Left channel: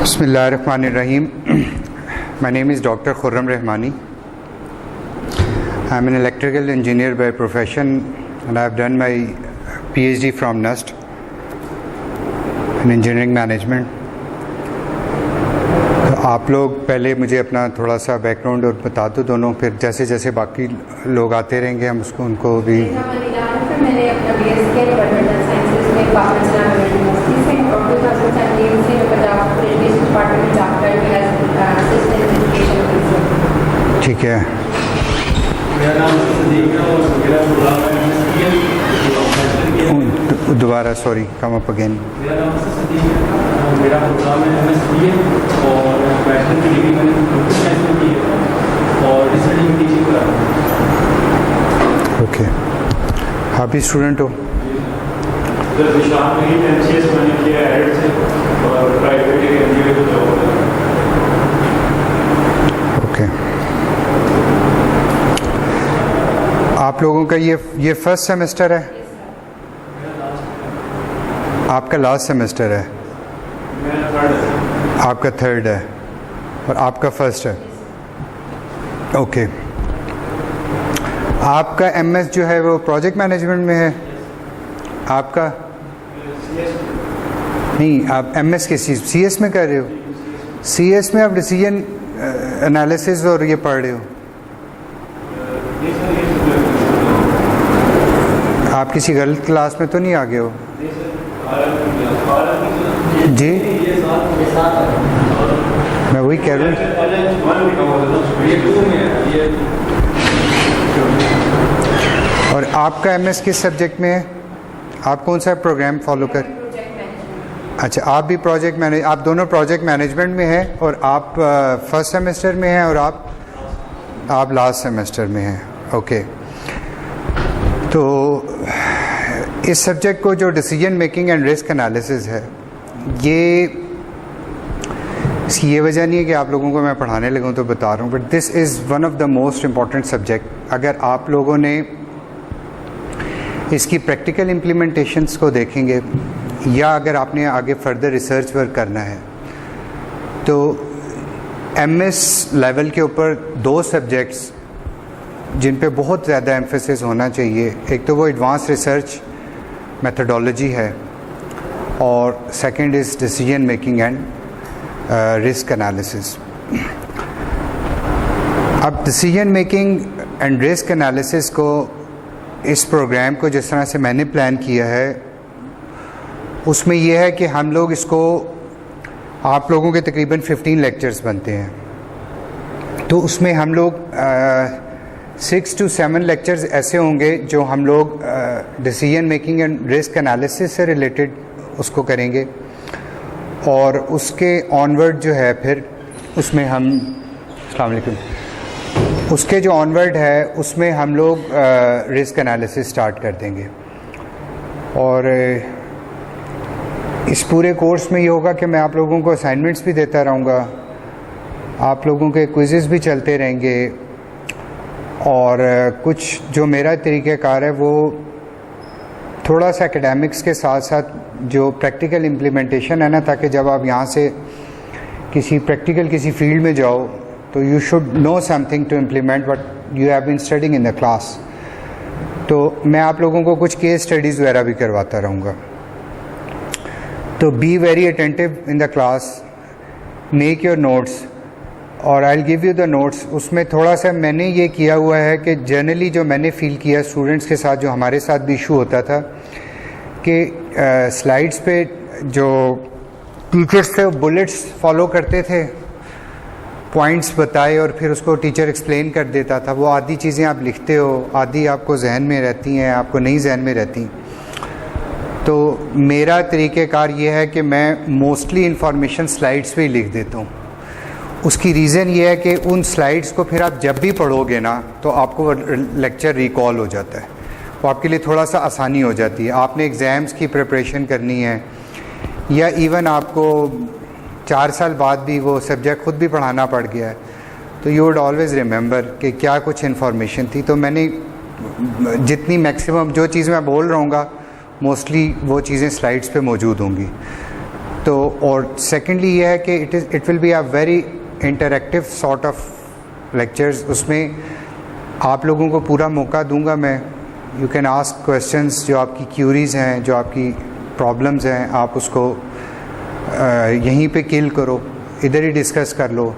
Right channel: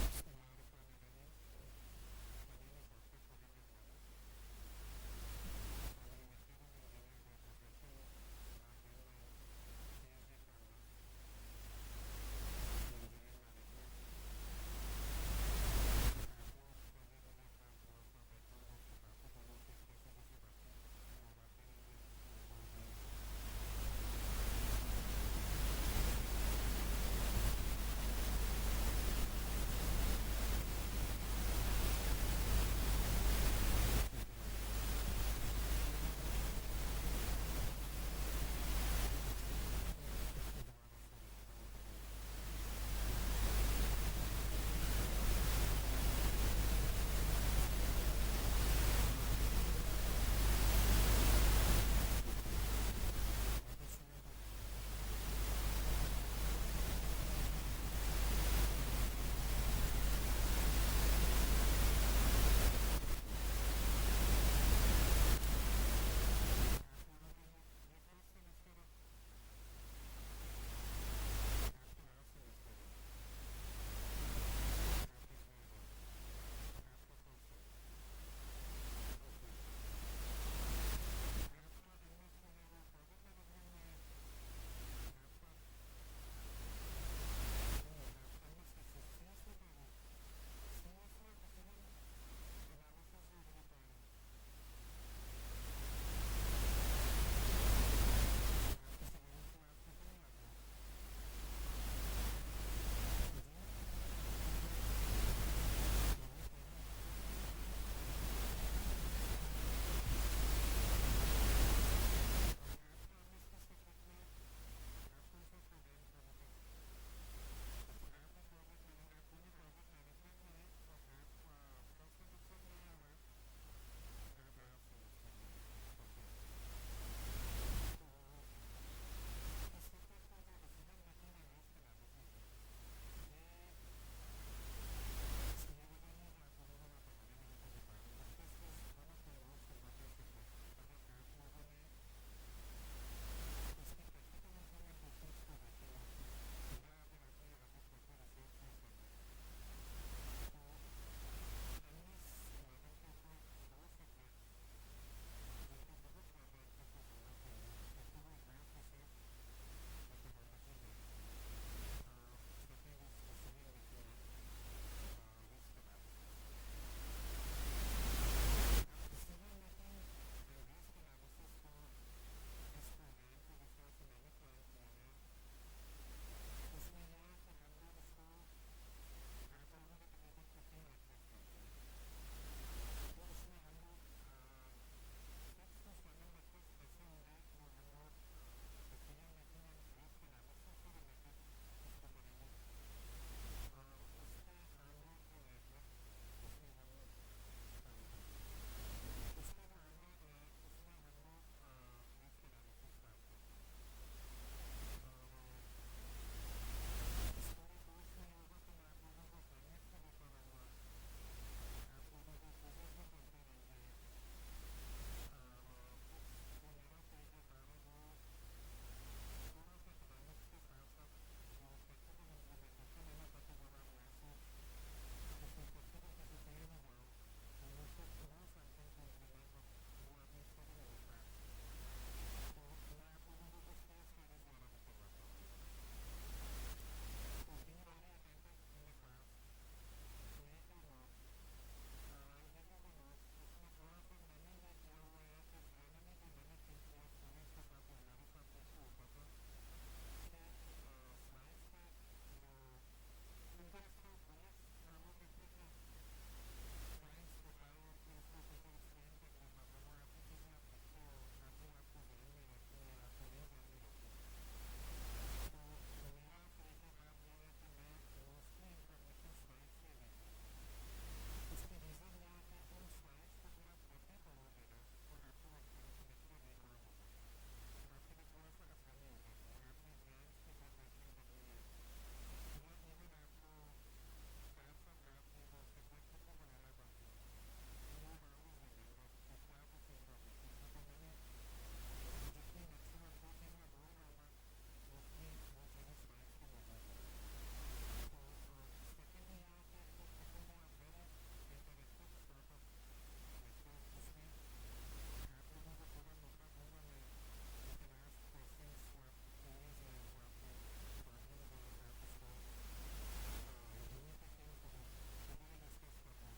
Bismillahirrahmanirrahim. My name is Dr. Khurram Rahmani. I am an electrical engineer by profession and I have done my PhD from NUST in engineering management. तो आप लोग पहले मुझे अपना थोड़ा सा background और बता दो दोनों, फिर जैसे जैसे बाकी लोग आते रहेंगे हम उनको भी। मैंने अपना BS किया एनवायरमेंटल साइंसेज में पाकिस्तान यूनिवर्सिटी से और 2017 से पंजाब एजुकेशन डिपार्टमेंट में जॉब कर रही हूँ असिस्टेंट एजुकेशन ऑफिसर। ठीक है। मेरा नाम सदीक है और मेरा प्रोग्राम है दोबारा सॉरी कम अप अगेन। मेरा नाम सदीक है, मेरा प्रोग्राम है MSc और बैचलर की डिग्री मैंने कंप्यूटर साइंस में की है और रिसर्च में टीचिंग कर रहा हूँ। ओके, आप भी स्टूडेंट हो? सर विशाल में ही MCS मैंने किया एड से और प्राइवेट एनजीओ को जॉब। ओके, आप लोगों का ये फर्स्ट सेमेस्टर है? आपका लास्ट सेमेस्टर है? आपका थर्ड है और आपका फर्स्ट है। ओके, आपका MS जो है वो प्रोजेक्ट मैनेजमेंट में है? आपका नहीं, आप MS के CS में कर रहे हो? CS में आप डिसीजन एनालिसिस और ये पढ़ रहे हो? आप किसी गलत क्लास में तो नहीं आ गए हो? जी, मैं वही कह रहा हूँ। और आपका MS किस सब्जेक्ट में है? आप कौन सा प्रोग्राम फॉलो कर? अच्छा, आप भी प्रोजेक्ट मैनेज, आप दोनों प्रोजेक्ट मैनेजमेंट में हैं और आप फर्स्ट सेमेस्टर में हैं और आप लास्ट सेमेस्टर में हैं। ओके, तो इस सब्जेक्ट को जो decision making and risk analysis है, इसकी ये वजह नहीं है कि आप लोगों को मैं पढ़ाने लगूँ तो बता रहा हूँ, but this is one of the most important subject. अगर आप लोगों ने इसकी प्रैक्टिकल इम्प्लीमेंटेशंस को देखेंगे या अगर आपने आगे फर्दर रिसर्च वर्क करना है तो MS लेवल के ऊपर दो सब्जेक्ट्स जिन पे बहुत ज़्यादा एम्फेसिस होना चाहिए, एक तो वो एडवांस रिसर्च मेथडोलॉजी है और second is decision making and risk analysis. अब decision making and risk analysis को, इस प्रोग्राम को जिस तरह से मैंने प्लान किया है उसमें यह है कि हम लोग इसको, आप लोगों के तकरीबन 15 लेक्चर्स बनते हैं, तो उसमें हम लोग 6 to 7 लेक्चर्स ऐसे होंगे जो हम लोग decision making and risk analysis से रिलेटेड उसको करेंगे और उसके ऑनवर्ड जो है फिर उसमें हम, अस्सलाम वालेकुम, उसके जो ऑनवर्ड है उसमें हम लोग रिस्क एनालिसिस स्टार्ट कर देंगे। और इस पूरे कोर्स में ये होगा कि मैं आप लोगों को असाइनमेंट्स भी देता रहूँगा, आप लोगों के क्विज़ेस भी चलते रहेंगे और कुछ जो मेरा तरीक़ाकार है वो थोड़ा सा एकेडमिक्स के साथ साथ जो प्रैक्टिकल इम्प्लीमेंटेशन है ना, ताकि जब आप यहाँ से किसी फील्ड में जाओ तो you should know something to implement what you have been studying in the class. तो मैं आप लोगों को कुछ केस स्टडीज़ वगैरह भी करवाता रहूँगा। तो be very attentive in the class, make your notes और I will give you the notes. उसमें थोड़ा सा मैंने ये किया हुआ है कि जनरली जो मैंने फ़ील किया स्टूडेंट्स के साथ, जो हमारे साथ भी इशू होता था कि स्लाइड्स पे जो टीचर्स थे बुलेट्स फॉलो करते थे, पॉइंट्स बताए और फिर उसको टीचर एक्सप्लेन कर देता था। वो आधी चीज़ें आप लिखते हो, आधी आपको जहन में रहती हैं, आपको नहीं जहन में रहती। तो मेरा तरीक़ेकार ये है कि मैं मोस्टली इंफॉर्मेशन स्लाइड्स पे ही लिख देता हूँ। उसकी रीज़न ये है कि उन स्लाइड्स को फिर आप जब भी पढ़ोगे ना तो आपको लेक्चर रिकॉल हो जाता है, वो आपके लिए थोड़ा सा आसानी हो जाती है। आपने एग्ज़ाम्स की प्रिपरेशन करनी है या इवन आपको 4 साल बाद भी वो सब्जेक्ट ख़ुद भी पढ़ाना पड़ गया है, तो यू वुड ऑलवेज़ रिमेंबर कि क्या कुछ इन्फॉर्मेशन थी। तो मैंने जितनी मैक्सिमम जो चीज़ मैं बोल रहा हूँगा मोस्टली वो चीज़ें स्लाइड्स पे मौजूद होंगी। तो और सेकेंडली ये है कि it will be a very interactive sort of lectures. उसमें आप लोगों को पूरा मौका दूंगा मैं. यू कैन आस्क क्वेश्चंस, जो आपकी क्यूरीज हैं, जो आपकी प्रॉब्लम्स हैं, आप उसको यहीं पे किल करो, इधर ही डिस्कस कर लो.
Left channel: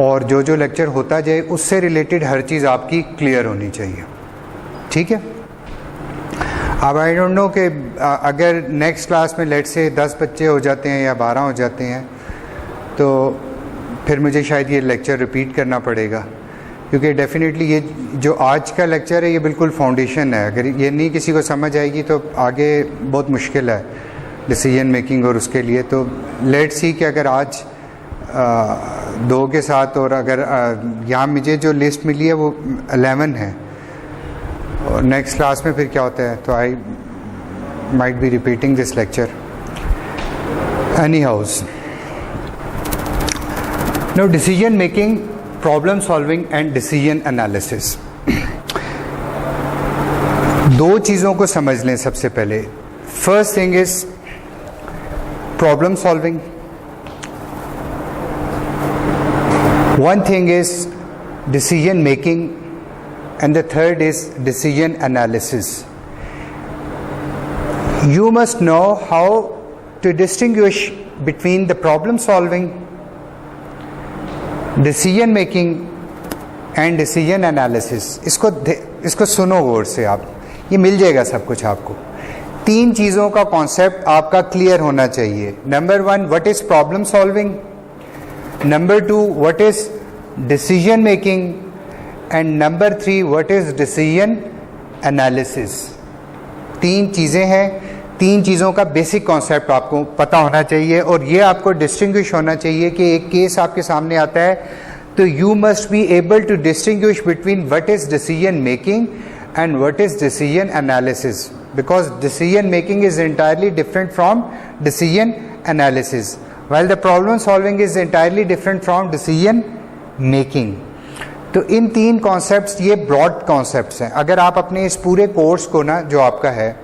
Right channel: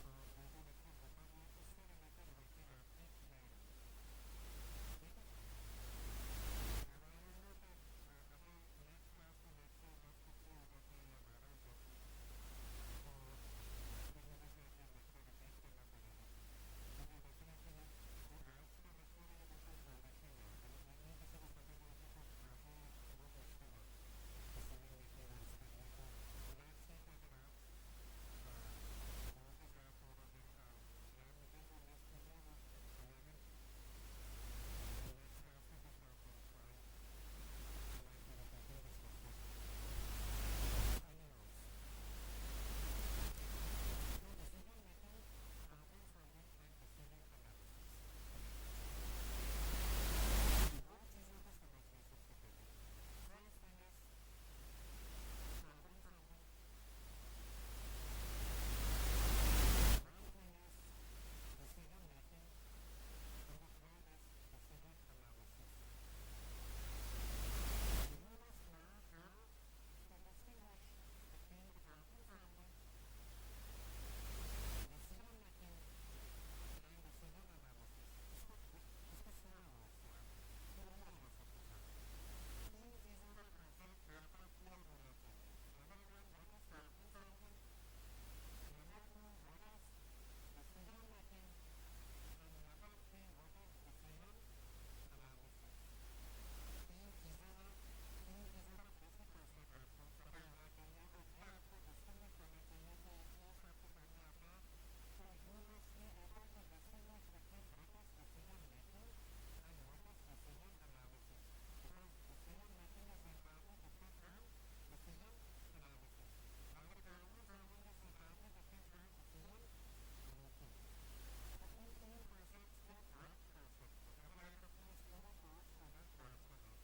और जो जो लेक्चर होता जाए उससे रिलेटेड हर चीज़ आपकी क्लियर होनी चाहिए. ठीक है. अब आई डोंट नो कि अगर नेक्स्ट क्लास में लेट से 10 बच्चे हो जाते हैं या 12 हो जाते हैं तो फिर मुझे शायद ये लेक्चर रिपीट करना पड़ेगा, क्योंकि डेफिनेटली ये जो आज का लेक्चर है ये बिल्कुल फाउंडेशन है. अगर ये नहीं किसी को समझ आएगी तो आगे बहुत मुश्किल है डिसीजन मेकिंग और उसके लिए. तो लेट्स सी कि अगर आज 2 के साथ, और अगर यहाँ मुझे जो लिस्ट मिली है वो 11 है, और नेक्स्ट क्लास में फिर क्या होता है, तो I might be repeating this lecture any house. Now decision making, problem solving and decision analysis. 2 चीज़ों को समझ लें सबसे पहले. First thing is problem solving. One thing is decision making and the third is decision analysis. You must know how to distinguish between the problem solving, decision making and decision analysis. इसको सुनो गौर से आप, ये मिल जाएगा सब कुछ आपको. 3 चीज़ों का कॉन्सेप्ट आपका क्लियर होना चाहिए. Number 1, what is problem solving? Number 2, what is decision making? And number 3, what is decision analysis? 3 चीज़ें हैं. 3 चीज़ों का बेसिक कॉन्सेप्ट आपको पता होना चाहिए, और ये आपको डिस्टिंग्विश होना चाहिए कि एक केस आपके सामने आता है तो you must be able to distinguish between what is decision making and what is decision analysis, because decision making is entirely different from decision analysis, while the problem solving is entirely different from decision making. तो इन 3 concepts ये broad concepts हैं. अगर आप अपने इस पूरे course को ना, जो आपका है,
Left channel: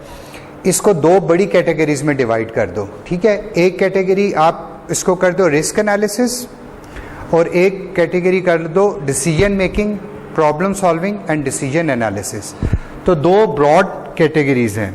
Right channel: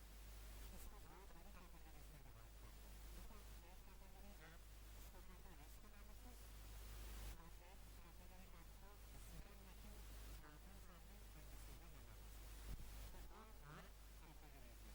इसको 2 बड़ी कैटेगरीज में डिवाइड कर दो. ठीक है. एक कैटेगरी आप इसको कर दो रिस्क एनालिसिस, और एक कैटेगरी कर दो decision making, problem solving and decision analysis. तो 2 ब्रॉड कैटेगरीज हैं.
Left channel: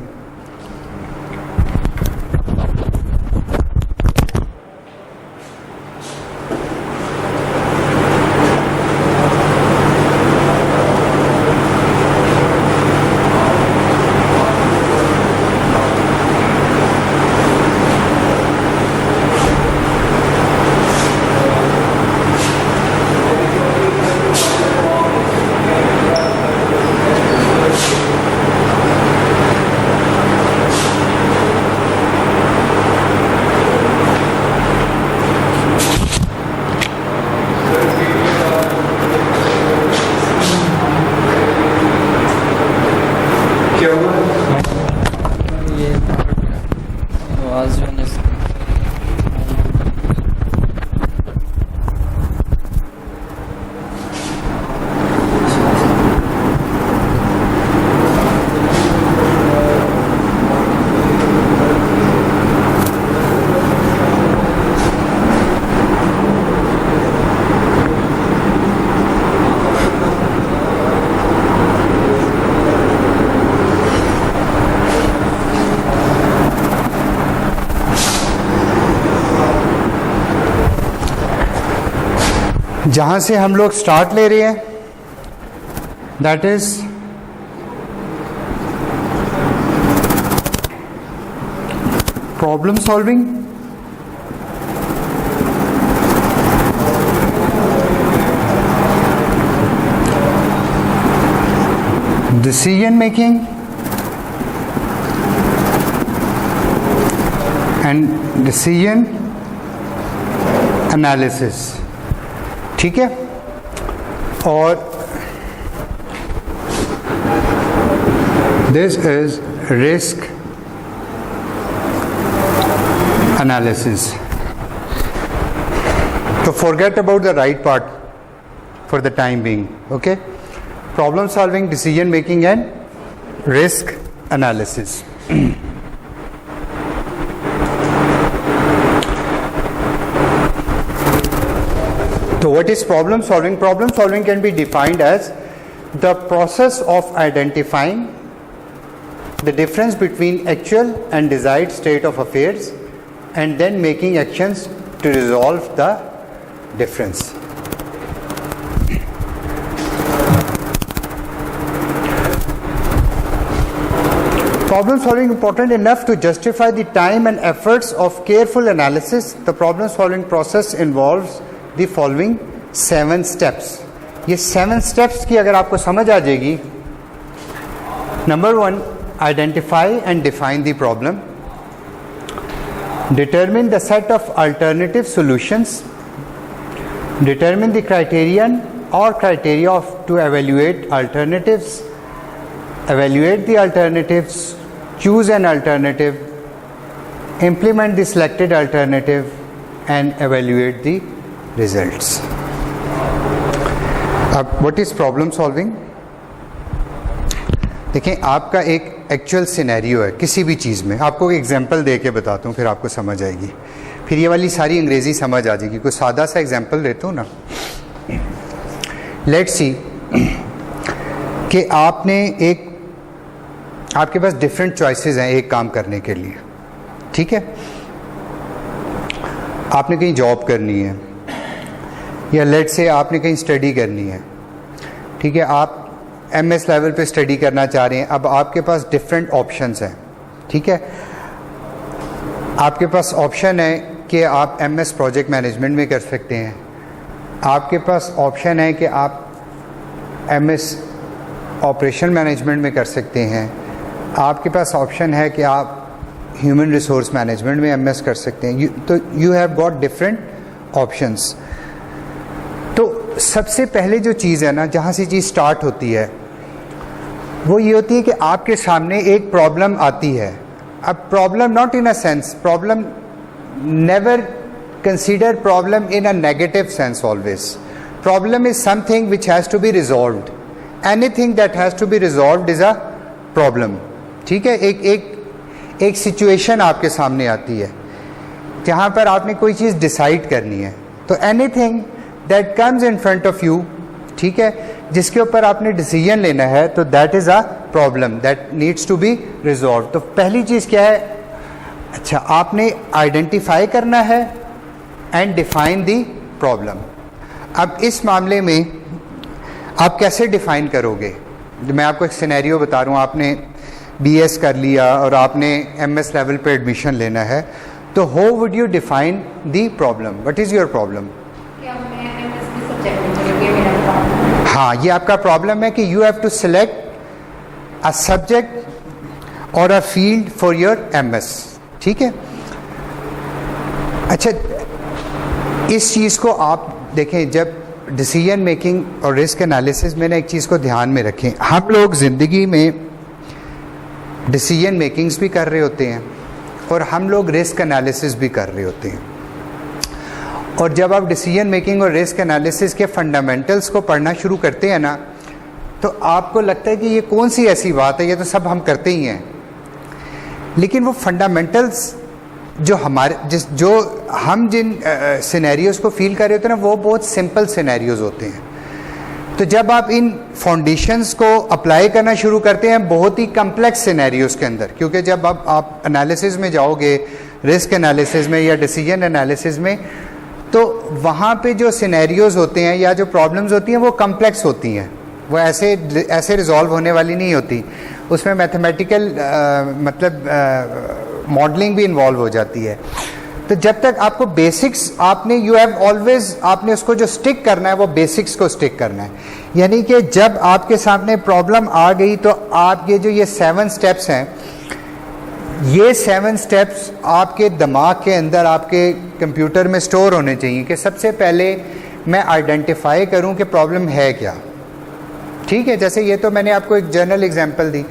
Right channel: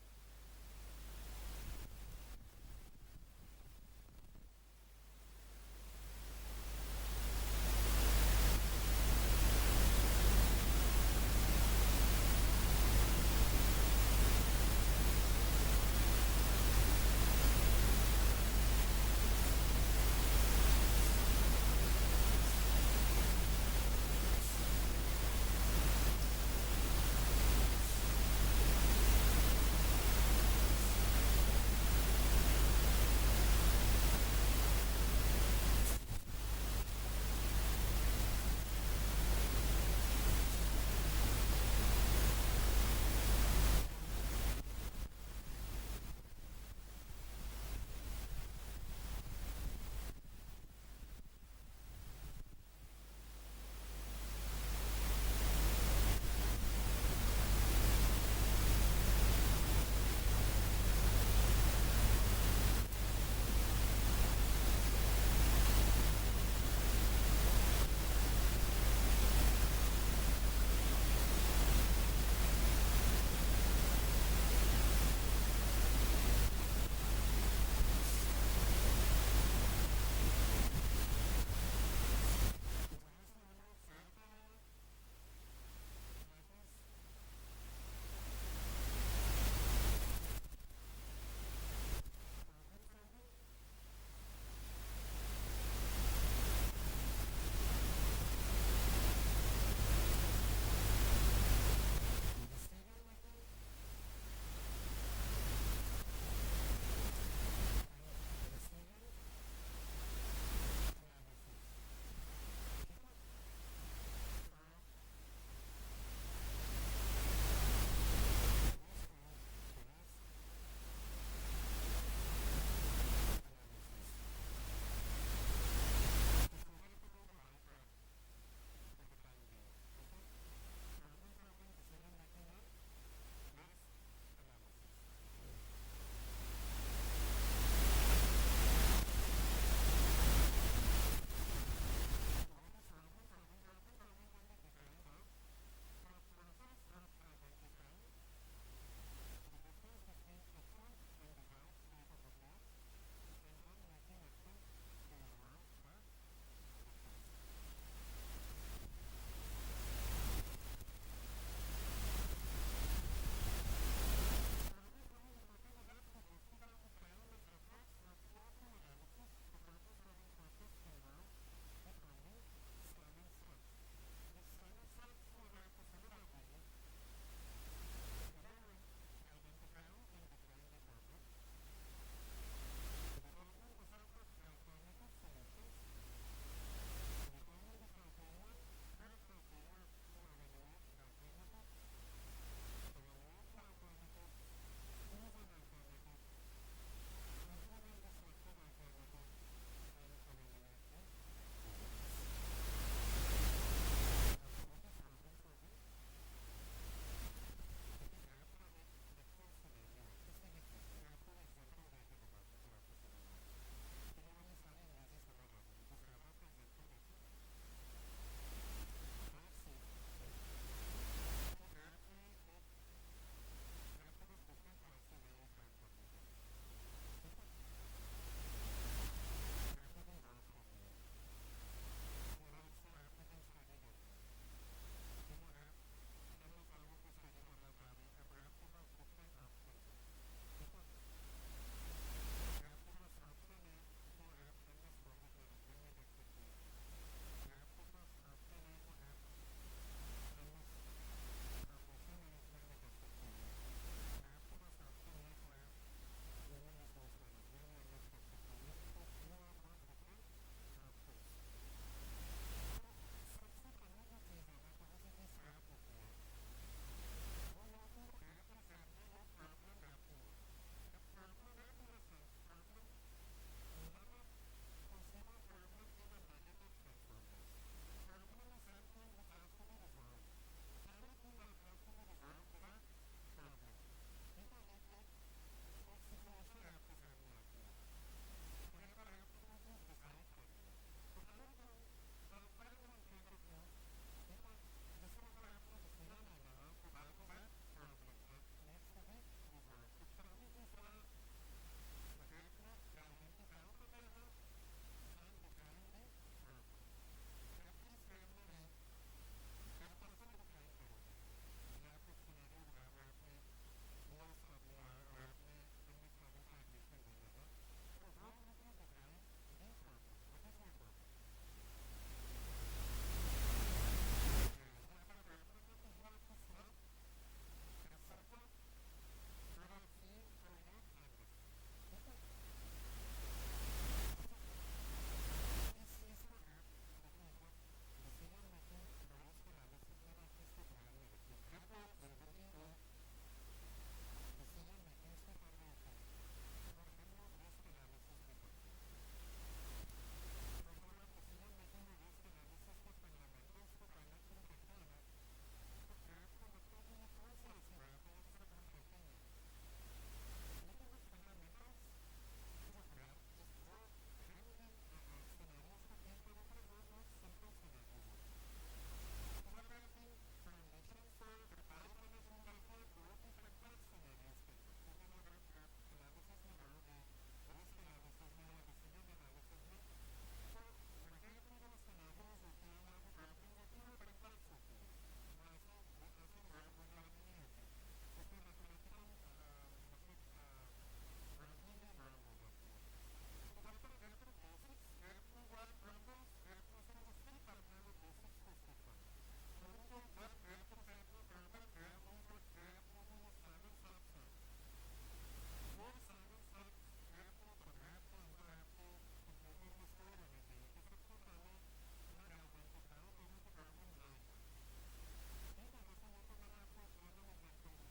जहां से हम लोग स्टार्ट ले रहे हैं, that is problem solving, decision making and decision analysis. ठीक है. और दिस इज रिस्क एनालिसिस. तो forget about the right part for the time being. Okay. Problem solving, decision making and risk analysis. So what is problem solving? Problem solving can be defined as the process of identifying the difference between actual and desired state of affairs and then making actions to resolve the difference. Problem solving important enough to justify the time and efforts of careful analysis. The problem solving process involves the following 7 steps. ये 7 steps की अगर आपको समझ आ जाएगी, number 1, identify and define the problem, determine the set of alternative solutions, determine the criterion or criteria to evaluate alternatives, evaluate the alternatives, choose an alternative, implement the selected alternative and evaluate the results. अब what is problem solving? देखें, आपका एक actual scenario है किसी भी चीज़ में. आपको एक एग्जांपल दे के बताता हूँ, फिर आपको समझ आएगी. फिर ये वाली सारी अंग्रेज़ी समझ आ जाएगी. कोई सादा सा एग्जांपल देता हूँ ना. लेट्स सी कि आपके पास डिफरेंट चॉइसेस हैं एक काम करने के लिए. ठीक है, आपने कहीं जॉब करनी है या लेट्स से आपने कहीं स्टडी करनी है. ठीक है, आप एमएस लेवल पे स्टडी करना चाह रहे हैं. अब आपके पास डिफरेंट ऑप्शंस हैं. ठीक है, आपके पास ऑप्शन है कि आप एमएस प्रोजेक्ट मैनेजमेंट में कर सकते हैं. आपके पास ऑप्शन है कि आप एमएस ऑपरेशन मैनेजमेंट में कर सकते हैं. आपके पास ऑप्शन है कि आप ह्यूमन रिसोर्स मैनेजमेंट में एमएस कर सकते हैं. तो you have got different options. तो सबसे पहले जो चीज़ है ना, जहाँ से चीज़ स्टार्ट होती है, वो ये होती है कि आपके सामने एक प्रॉब्लम आती है. अब problem not in a sense, problem never consider problem in a negative sense always. Problem is something which has to be resolved. Anything that has to be resolved is a problem. ठीक है, एक situation आपके सामने आती है जहाँ पर आपने कोई चीज़ डिसाइड करनी है. तो anything that comes in front of you, ठीक है, जिसके ऊपर आपने डिसीजन लेना है, तो that is a problem that needs to be resolve. तो पहली चीज़ क्या है? अच्छा, आपने आइडेंटिफाई करना है एंड डिफाइन दी प्रॉब्लम. अब इस मामले में आप कैसे डिफाइन करोगे? मैं आपको एक सिनेरियो बता रहा हूँ. आपने बीएस कर लिया और आपने एमएस लेवल पे एडमिशन लेना है, तो how would you define the problem? What is your problem? हाँ, ये आपका प्रॉब्लम है कि you have to select a subject और a field for your MS. ठीक है. अच्छा, इस चीज़ को आप देखें, जब डिसीजन मेकिंग और रिस्क एनालिसिस में ना एक चीज़ को ध्यान में रखें. हम लोग ज़िंदगी में डिसीजन मेकिंग्स भी कर रहे होते हैं और हम लोग रिस्क एनालिसिस भी कर रहे होते हैं. और जब आप डिसीजन मेकिंग और रिस्क एनालिसिस के फंडामेंटल्स को पढ़ना शुरू करते हैं ना, तो आपको लगता है कि ये कौन सी ऐसी बात है, ये तो सब हम करते ही हैं. लेकिन वो फंडामेंटल्स जो हम जिन सिनेरियोज़ को फील कर रहे होते हैं ना, वो बहुत सिंपल सिनेरियोज़ होते हैं. तो जब आप इन फाउंडेशंस को अप्लाई करना शुरू करते हैं बहुत ही कम्प्लेक्स सिनेरियोज़ के अंदर, क्योंकि जब आप एनालिसिस में जाओगे, रिस्क एनालिसिस में या डिसीजन एनालिसिस में, तो वहाँ पे जो सिनेरियोज़ होते हैं या जो प्रॉब्लम्स होती हैं वो कम्प्लेक्स होती हैं. वो ऐसे रिजॉल्व होने वाली नहीं होती. उसमें मैथमेटिकल मॉडलिंग भी इन्वॉल्व हो जाती है. तो जब तक आपको बेसिक्स आपने उसको जो स्टिक करना है वो बेसिक्स को स्टिक करना है. यानी कि जब आपके सामने प्रॉब्लम आ गई तो आपके जो ये 7 स्टेप्स हैं, ये 7 स्टेप्स आपके दिमाग के अंदर, आपके कंप्यूटर में स्टोर होने चाहिए कि सबसे पहले मैं आइडेंटिफाई करूं कि प्रॉब्लम है क्या. ठीक है, जैसे ये तो मैंने आपको एक जनरल एग्जांपल दी.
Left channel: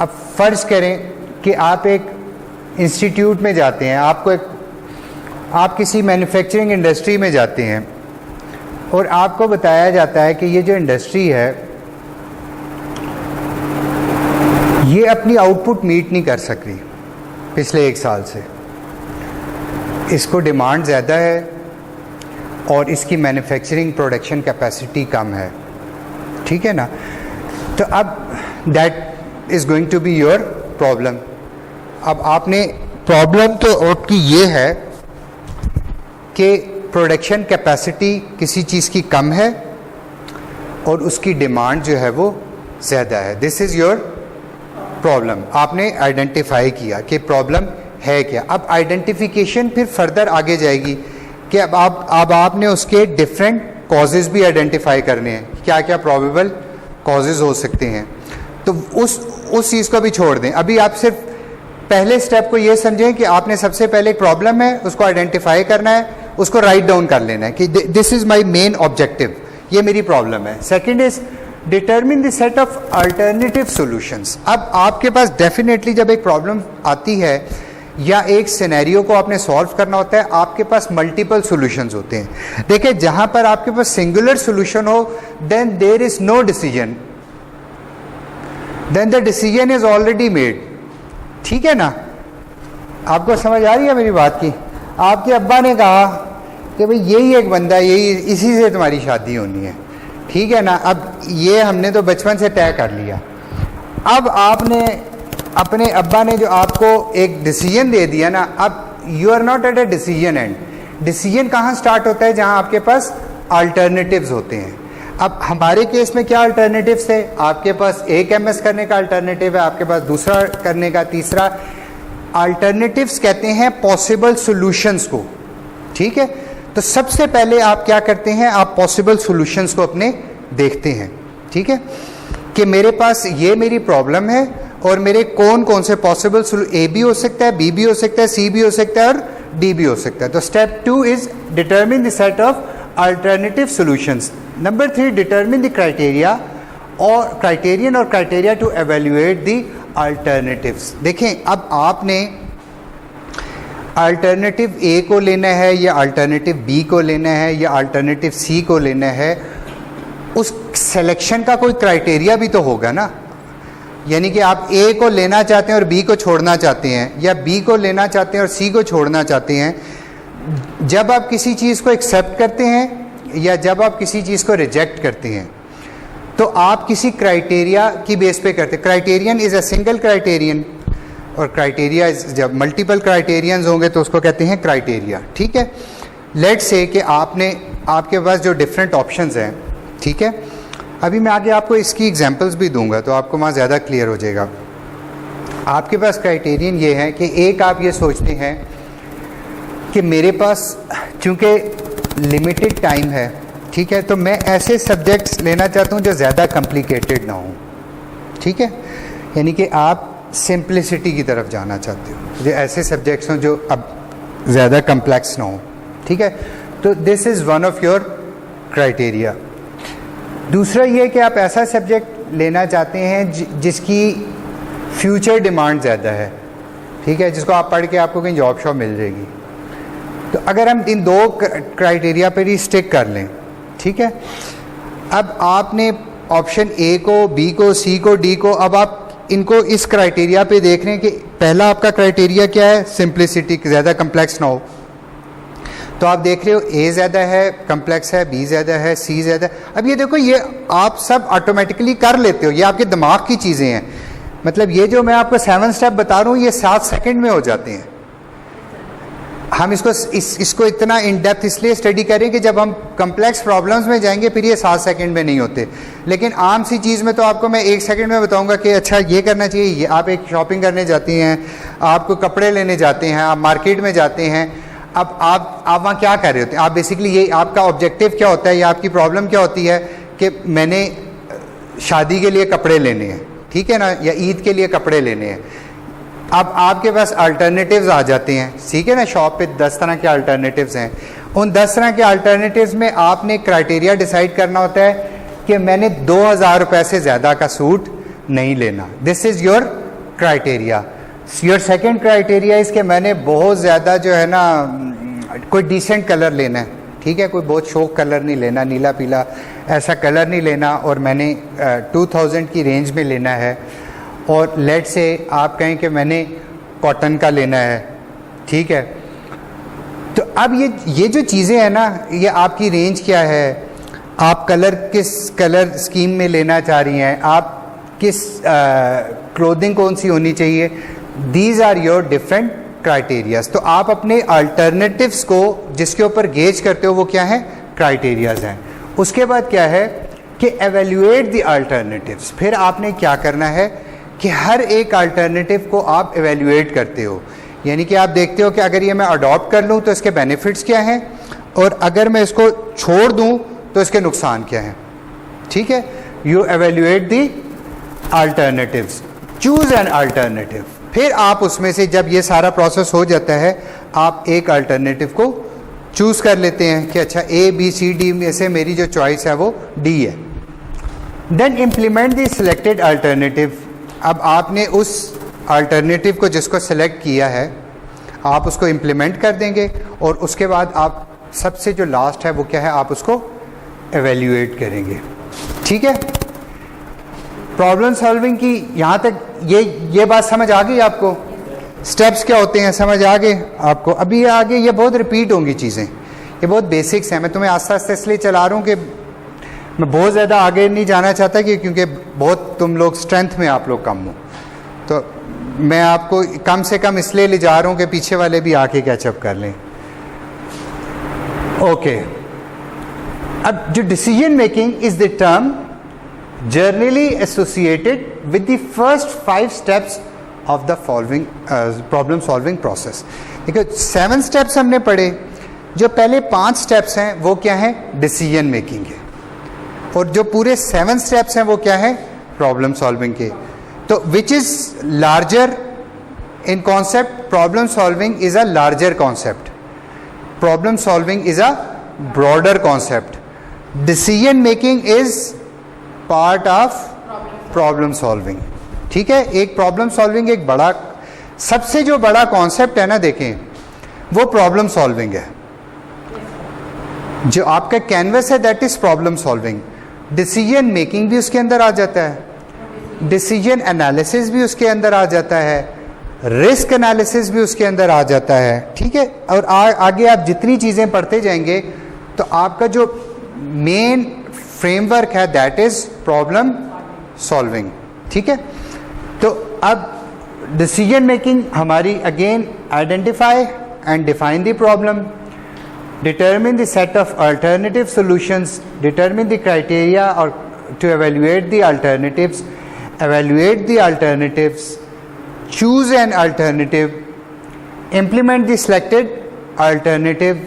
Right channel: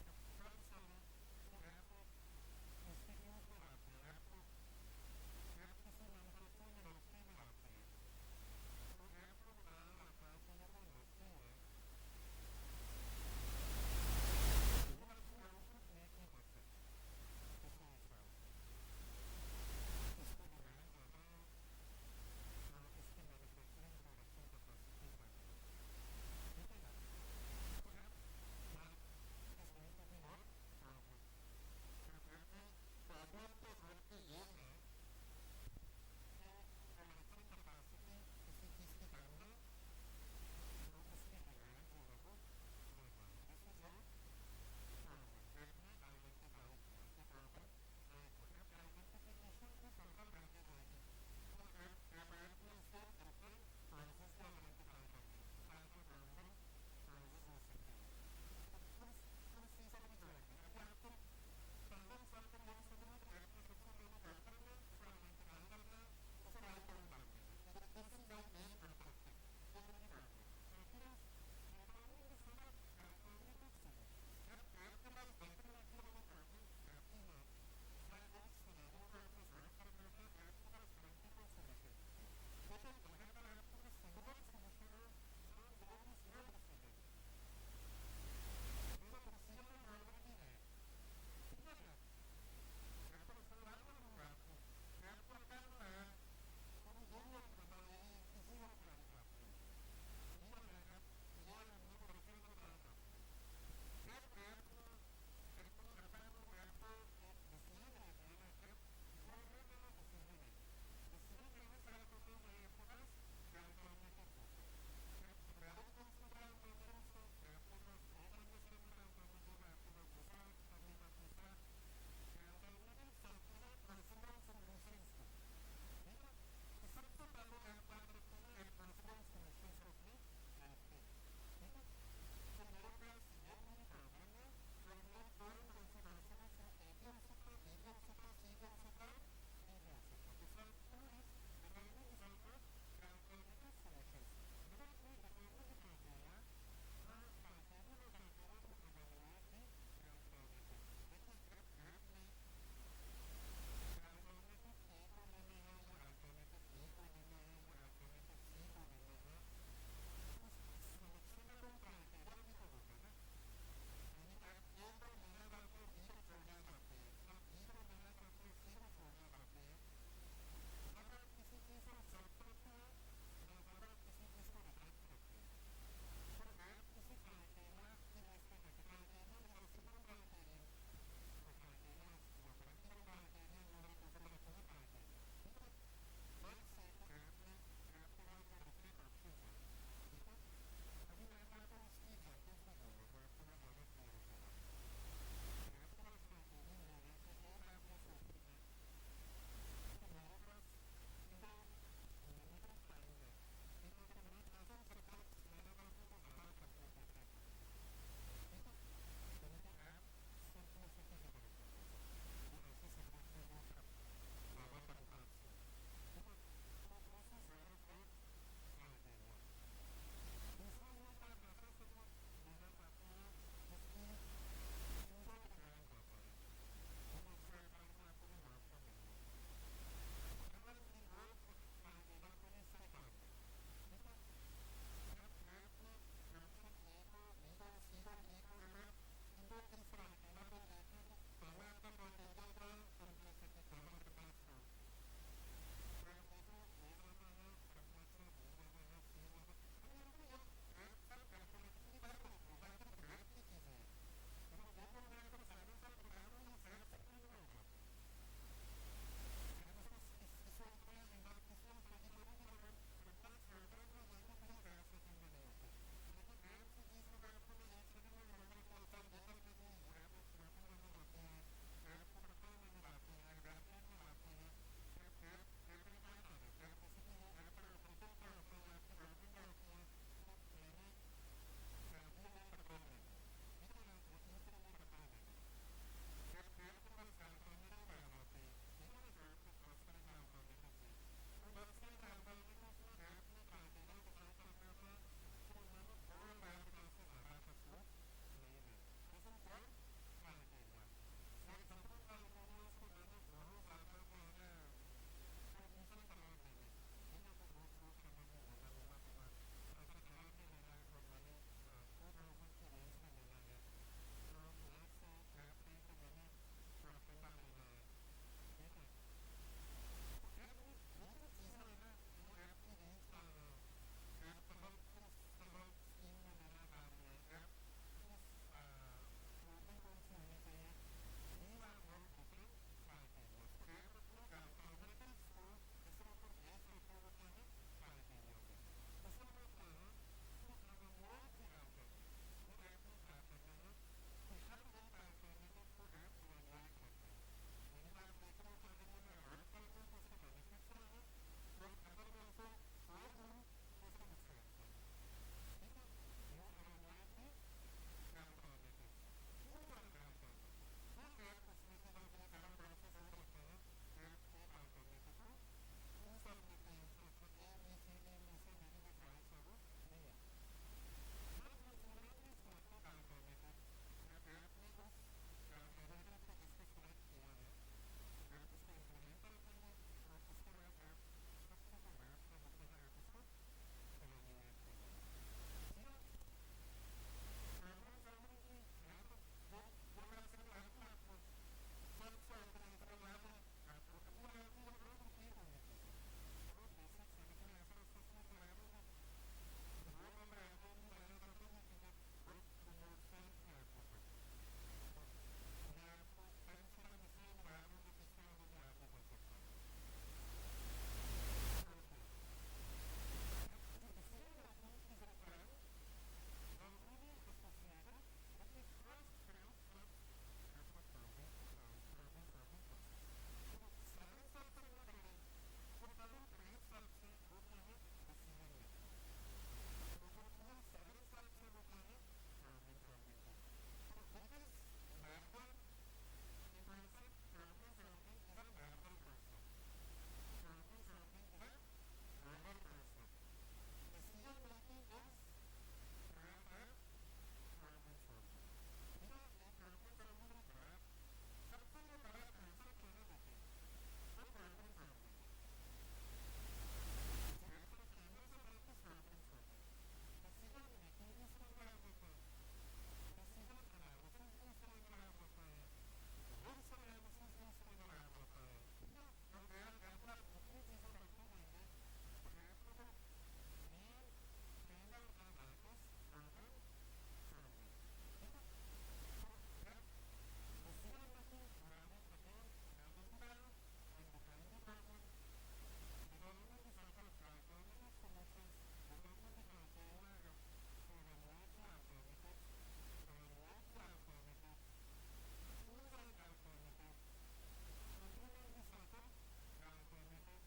अब फ़र्ज़ करें कि आप एक इंस्टीट्यूट में जाते हैं, आप किसी मैन्युफैक्चरिंग इंडस्ट्री में जाते हैं और आपको बताया जाता है कि ये जो इंडस्ट्री है ये अपनी आउटपुट मीट नहीं कर सक रही पिछले 1 साल से. इसको डिमांड ज़्यादा है और इसकी मैन्युफैक्चरिंग प्रोडक्शन कैपेसिटी कम है, ठीक है ना। तो अब that is going to be your problem. अब आपने प्रॉब्लम तो आपकी ये है कि प्रोडक्शन कैपेसिटी किसी चीज़ की कम है और उसकी डिमांड जो है वो ज़्यादा है। This is your problem. आपने आइडेंटिफाई किया कि प्रॉब्लम है क्या। अब आइडेंटिफिकेशन फिर फर्दर आगे जाएगी कि अब आपने उसके डिफरेंट कॉजेज़ भी आइडेंटिफाई करने हैं, क्या क्या प्रोबेबल कॉजेज़ हो सकते हैं। तो उस चीज़ को भी छोड़ दें। अभी आप सिर्फ पहले स्टेप को ये समझें कि आपने सबसे पहले एक प्रॉब्लम है, उसको आइडेंटिफाई करना है, उसको राइट डाउन कर लेना है कि this is my main objective, ये मेरी प्रॉब्लम है। Second is determine the set of alternative solutions. अब आपके पास डेफिनेटली जब एक प्रॉब्लम आती है या एक सिनेरियो को आपने सॉल्व करना होता है, आपके पास मल्टीपल सॉल्यूशंस होते हैं। देखिए, जहां पर आपके पास सिंगुलर सॉल्यूशन हो, then there is no decision, then the decision is already made, ठीक है ना। आपको समझ आ रही है मेरी बात की। आपके अब्बा ने कहा कि भाई यही एक बंदा है, यही इसी से तुम्हारी शादी होनी है, ठीक है ना। अब ये हमने तो बचपन से तय कर लिया। अब आपने अपने अब्बा ने जो आपको एक डिसीजन दे दिया ना, अब you are not at a decision end. Decision कहाँ स्टार्ट होता है? जहाँ आपके पास अल्टरनेटिव्स होते हैं। अब हमारे केस में क्या अल्टरनेटिव्स है? आपके पास एक एमएस करने का अल्टरनेटिव है, आपके पास दूसरा करने का, तीसरा। अल्टरनेटिव्स कहते हैं पॉसिबल सॉल्यूशंस को, ठीक है। तो सबसे पहले आप क्या करते हैं? आप पॉसिबल सॉल्यूशंस को अपने देखते हैं, ठीक है, कि मेरे पास ये मेरी प्रॉब्लम है और मेरे कौन कौन से पॉसिबल ए भी हो सकता है, बी भी हो सकता है, सी भी हो सकता है और डी भी हो सकता है। तो step 2 is determine the set of alternative solutions. Number 3, determine the criteria और criteria to evaluate the alternatives. देखें, अब आपने अल्टरनेटिव ए को लेना है या अल्टरनेटिव बी को लेना है या अल्टरनेटिव सी को लेना है, उस सिलेक्शन का कोई क्राइटेरिया भी तो होगा ना। यानी कि आप ए को लेना चाहते हैं और बी को छोड़ना चाहते हैं, या बी को लेना चाहते हैं और सी को छोड़ना चाहते हैं। जब आप किसी चीज़ को एक्सेप्ट करते हैं या जब आप किसी चीज़ को रिजेक्ट करते हैं, तो आप किसी क्राइटेरिया की बेस पे करते हैं। Criterion is a single criterion, और क्राइटेरिया जब मल्टीपल क्राइटेरियंस होंगे तो उसको कहते हैं क्राइटेरिया, ठीक है। लेट्स से कि आपके पास जो डिफरेंट ऑप्शंस हैं, ठीक है। अभी मैं आगे आपको इसकी एग्जांपल्स भी दूंगा तो आपको वहाँ ज़्यादा क्लियर हो जाएगा। आपके पास क्राइटेरियन ये है कि एक आप ये सोचते हैं कि मेरे पास चूँकि लिमिटेड टाइम है, ठीक है, तो मैं ऐसे सब्जेक्ट्स लेना चाहता हूँ जो ज़्यादा कॉम्प्लिकेटेड ना हो, ठीक है। यानी कि आप सिंप्लिसिटी की तरफ जाना चाहते हो, जो ऐसे सब्जेक्ट्स हों जो अब ज़्यादा कम्प्लेक्स ना हो, ठीक है। तो this is one of your criteria. दूसरा ये कि आप ऐसा सब्जेक्ट लेना चाहते हैं जिसकी फ्यूचर डिमांड ज़्यादा है, ठीक है, जिसको आप पढ़ के आपको कहीं जॉब शॉप मिल जाएगी। तो अगर हम इन दो क्राइटेरिया पर ही स्टिक कर लें, ठीक है। अब आपने ऑप्शन ए को, बी को, सी को, डी को, अब आप इनको इस क्राइटेरिया पे देख रहे हैं कि पहला आपका क्राइटेरिया क्या है? सिंप्लिसिटी, ज़्यादा कम्प्लेक्स ना हो। तो आप देख रहे हो ए ज़्यादा है, कम्प्लेक्स है, बी ज़्यादा है, सी ज़्यादा है। अब ये देखो, ये आप सब ऑटोमेटिकली कर लेते हो, ये आपके दिमाग की चीज़ें हैं। मतलब ये जो मैं आपको 7 स्टेप बता रहा हूँ, ये 7 सेकंड में हो जाते हैं। हम इसको इतना इन डेप्थ इसलिए स्टडी करें कि जब हम कम्प्लेक्स प्रॉब्लम्स में जाएंगे फिर ये 7 सेकंड में नहीं होते। लेकिन आम सी चीज़ में तो आपको मैं 1 सेकंड में बताऊंगा कि अच्छा ये करना चाहिए। ये आप एक शॉपिंग करने जाती हैं, आपको कपड़े लेने जाते हैं, आप मार्केट में जाते हैं। अब आप वहाँ क्या कर रहे होते हैं? आप बेसिकली ये आपका ऑब्जेक्टिव क्या होता है या आपकी प्रॉब्लम क्या होती है कि मैंने शादी के लिए कपड़े लेने हैं, ठीक है ना, या ईद के लिए कपड़े लेने हैं। अब आपके पास अल्टरनेटिव्स आ जाते हैं, ठीक है ना। शॉप पे 10 तरह के अल्टरनेटिव्स हैं। उन 10 तरह के अल्टरनेटिव्स में आपने क्राइटेरिया डिसाइड करना होता है कि मैंने 2000 रुपये से ज़्यादा का सूट नहीं लेना। This is your criteria. Your second criteria is कि मैंने बहुत ज़्यादा जो है ना कोई डिसेंट कलर लेना है, ठीक है, कोई बहुत शौक कलर नहीं लेना, नीला पीला ऐसा कलर नहीं लेना, और मैंने 2000 की रेंज में लेना है। और लेट से आप कहें कि मैंने कॉटन का लेना है, ठीक है। तो अब ये जो चीज़ें हैं ना, ये आपकी रेंज क्या है, आप कलर किस कलर स्कीम में लेना चाह रही हैं, आप किस क्लोथिंग कौन सी होनी चाहिए, these are your different criterias. तो आप अपने अल्टरनेटिव्स को जिसके ऊपर गेज करते हो वो क्या है, क्राइटेरियाज हैं। उसके बाद क्या है कि एवेल्युएट द अल्टरनेटिव्स। फिर आपने क्या करना है कि हर एक अल्टरनेटिव को आप एवेल्युएट करते हो, यानी कि आप देखते हो कि अगर ये मैं अडॉप्ट कर लूँ तो इसके बेनिफिट्स क्या हैं, और अगर मैं इसको छोड़ दूँ तो इसके नुकसान क्या हैं। ठीक है, you evaluate the alternatives, choose an alternative. फिर आप उसमें से जब ये सारा प्रोसेस हो जाता है, आप एक अल्टरनेटिव को चूज कर लेते हैं कि अच्छा ए बी सी डी में से मेरी जो चॉइस है वो डी है। Then implement the selected alternative. अब आपने उस अल्टरनेटिव को जिसको सेलेक्ट किया है आप उसको इम्प्लीमेंट कर देंगे, और उसके बाद आप सबसे जो लास्ट है वो क्या है, आप उसको एवेल्युएट करेंगे। ठीक है, प्रॉब्लम सॉल्विंग की यहाँ तक ये बात समझ आ गई आपको, स्टेप्स क्या होते हैं समझ आ गए आपको। अभी आगे ये बहुत रिपीट होंगी चीज़ें, ये बहुत बेसिक्स हैं। मैं तुम्हें आस्ते आस्ते इसलिए चला रहा हूँ कि मैं बहुत ज़्यादा आगे नहीं जाना चाहता कि क्योंकि बहुत तुम लोग स्ट्रेंथ में आप लोग कम हो, तो मैं आपको कम से कम इसलिए ले जा रहा हूँ कि पीछे वाले भी आके कैचअप कर लें। ओके, अब जो decision making is the term generally associated with the first 5 steps of the following problem solving process. देखो 7 स्टेप्स हमने पढ़े, जो पहले 5 स्टेप्स हैं वो क्या है, डिसीजन मेकिंग है, और जो पूरे 7 स्टेप्स हैं वो क्या है, प्रॉब्लम सॉल्विंग के। तो which is larger in concept, problem solving is a larger concept, problem solving is a broader concept, decision making is part of problem solving. ठीक है, एक प्रॉब्लम सॉल्विंग एक बड़ा, सबसे जो बड़ा कॉन्सेप्ट है ना, देखें वो प्रॉब्लम सॉल्विंग है। जो आपका कैनवस है that is problem solving. Decision making भी उसके अंदर आ जाता है, डिसीजन एनालिसिस भी उसके अंदर आ जाता है, रिस्क एनालिसिस भी उसके अंदर आ जाता है। ठीक है, और आगे आप जितनी चीज़ें पढ़ते जाएंगे तो आपका जो मेन फ्रेमवर्क है दैट इज प्रॉब्लम सॉल्विंग। ठीक है, तो अब डिसीजन मेकिंग हमारी again identify and define the problem, determine the set of alternative solutions, determine the criteria or to evaluate the alternatives, evaluate the alternatives, choose an alternative, implement the selected alternative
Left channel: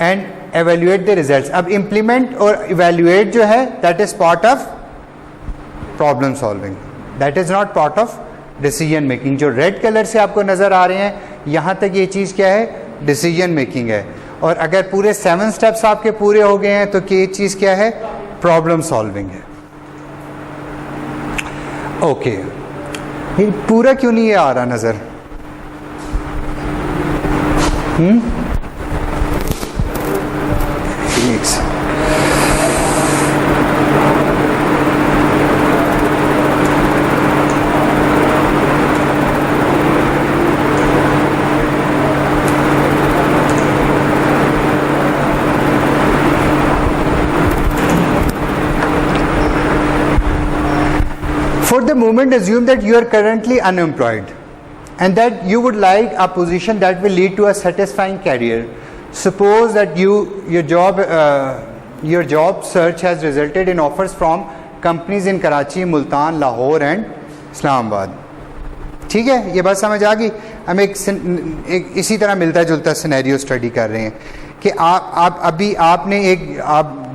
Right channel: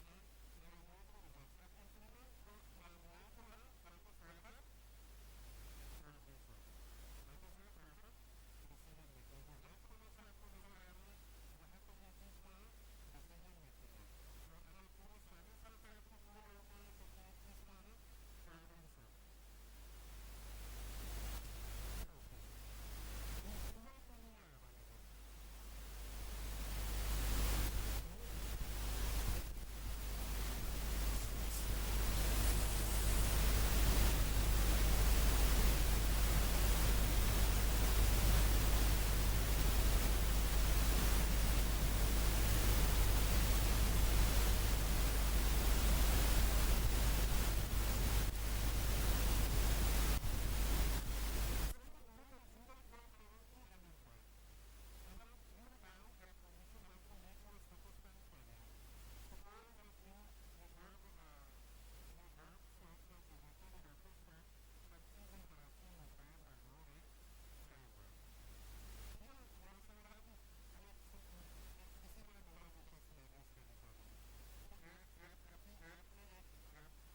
and evaluate the results. अब implement और evaluate जो है that is part of problem solving, that is not part of decision making. जो red color से आपको नज़र आ रहे हैं यहाँ तक ये चीज़ क्या है, decision making है, और अगर पूरे 7 स्टेप्स आपके पूरे हो गए हैं तो ये चीज़ क्या है, प्रॉब्लम सॉल्विंग है। ओके, ये पूरा क्यों नहीं ये आ रहा नज़र? For the moment, assume that you are currently unemployed and that you would like a position that will lead to a satisfying career. Suppose that your job search has resulted in offers from companies in Karachi, Multan, Lahore and Islamabad. ठीक है, ये बात समझ आ गई। हम एक इसी तरह मिलता जुलता सिनेरियो स्टडी कर रहे हैं कि आप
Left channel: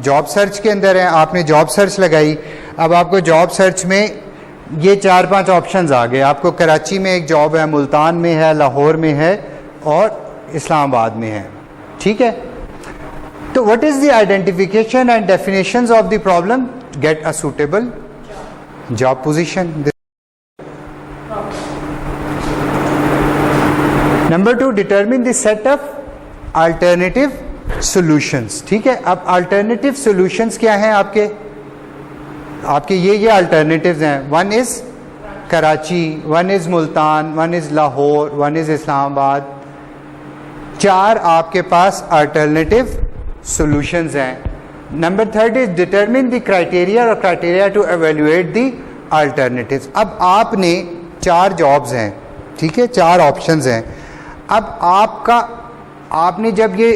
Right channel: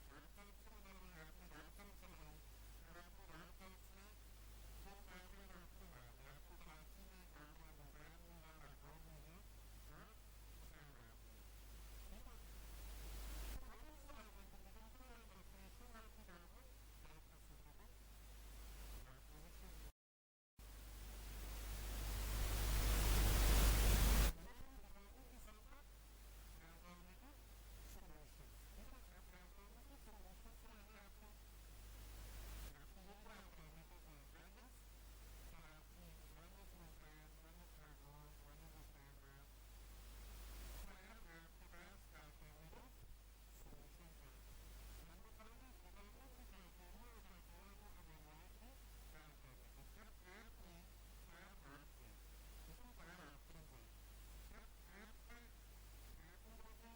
जॉब सर्च के अंदर हैं, आपने जॉब सर्च लगाई, अब आपको जॉब सर्च में ये 4-5 ऑप्शंस आ गए। आपको कराची में एक जॉब है, मुल्तान में है, लाहौर में है और इस्लामाबाद में है। ठीक है, तो what is the identification and definitions of the problem? Get a suitable job position. Number 2, determine the set of alternative solutions. ठीक है, अब अल्टरनेटिव सॉल्यूशंस क्या हैं आपके ये अल्टरनेटिव्स हैं। 1 is Karachi, 1 is Multan, 1 is Lahore, 1 is Islamabad, 4 आपके पास अल्टरनेटिव सॉल्यूशंस हैं। Number 3 is determine the criteria और criteria to evaluate the alternatives. अब आपने 4 जॉब्स हैं, ठीक है, 4 ऑप्शंस हैं। अब आपने जब ये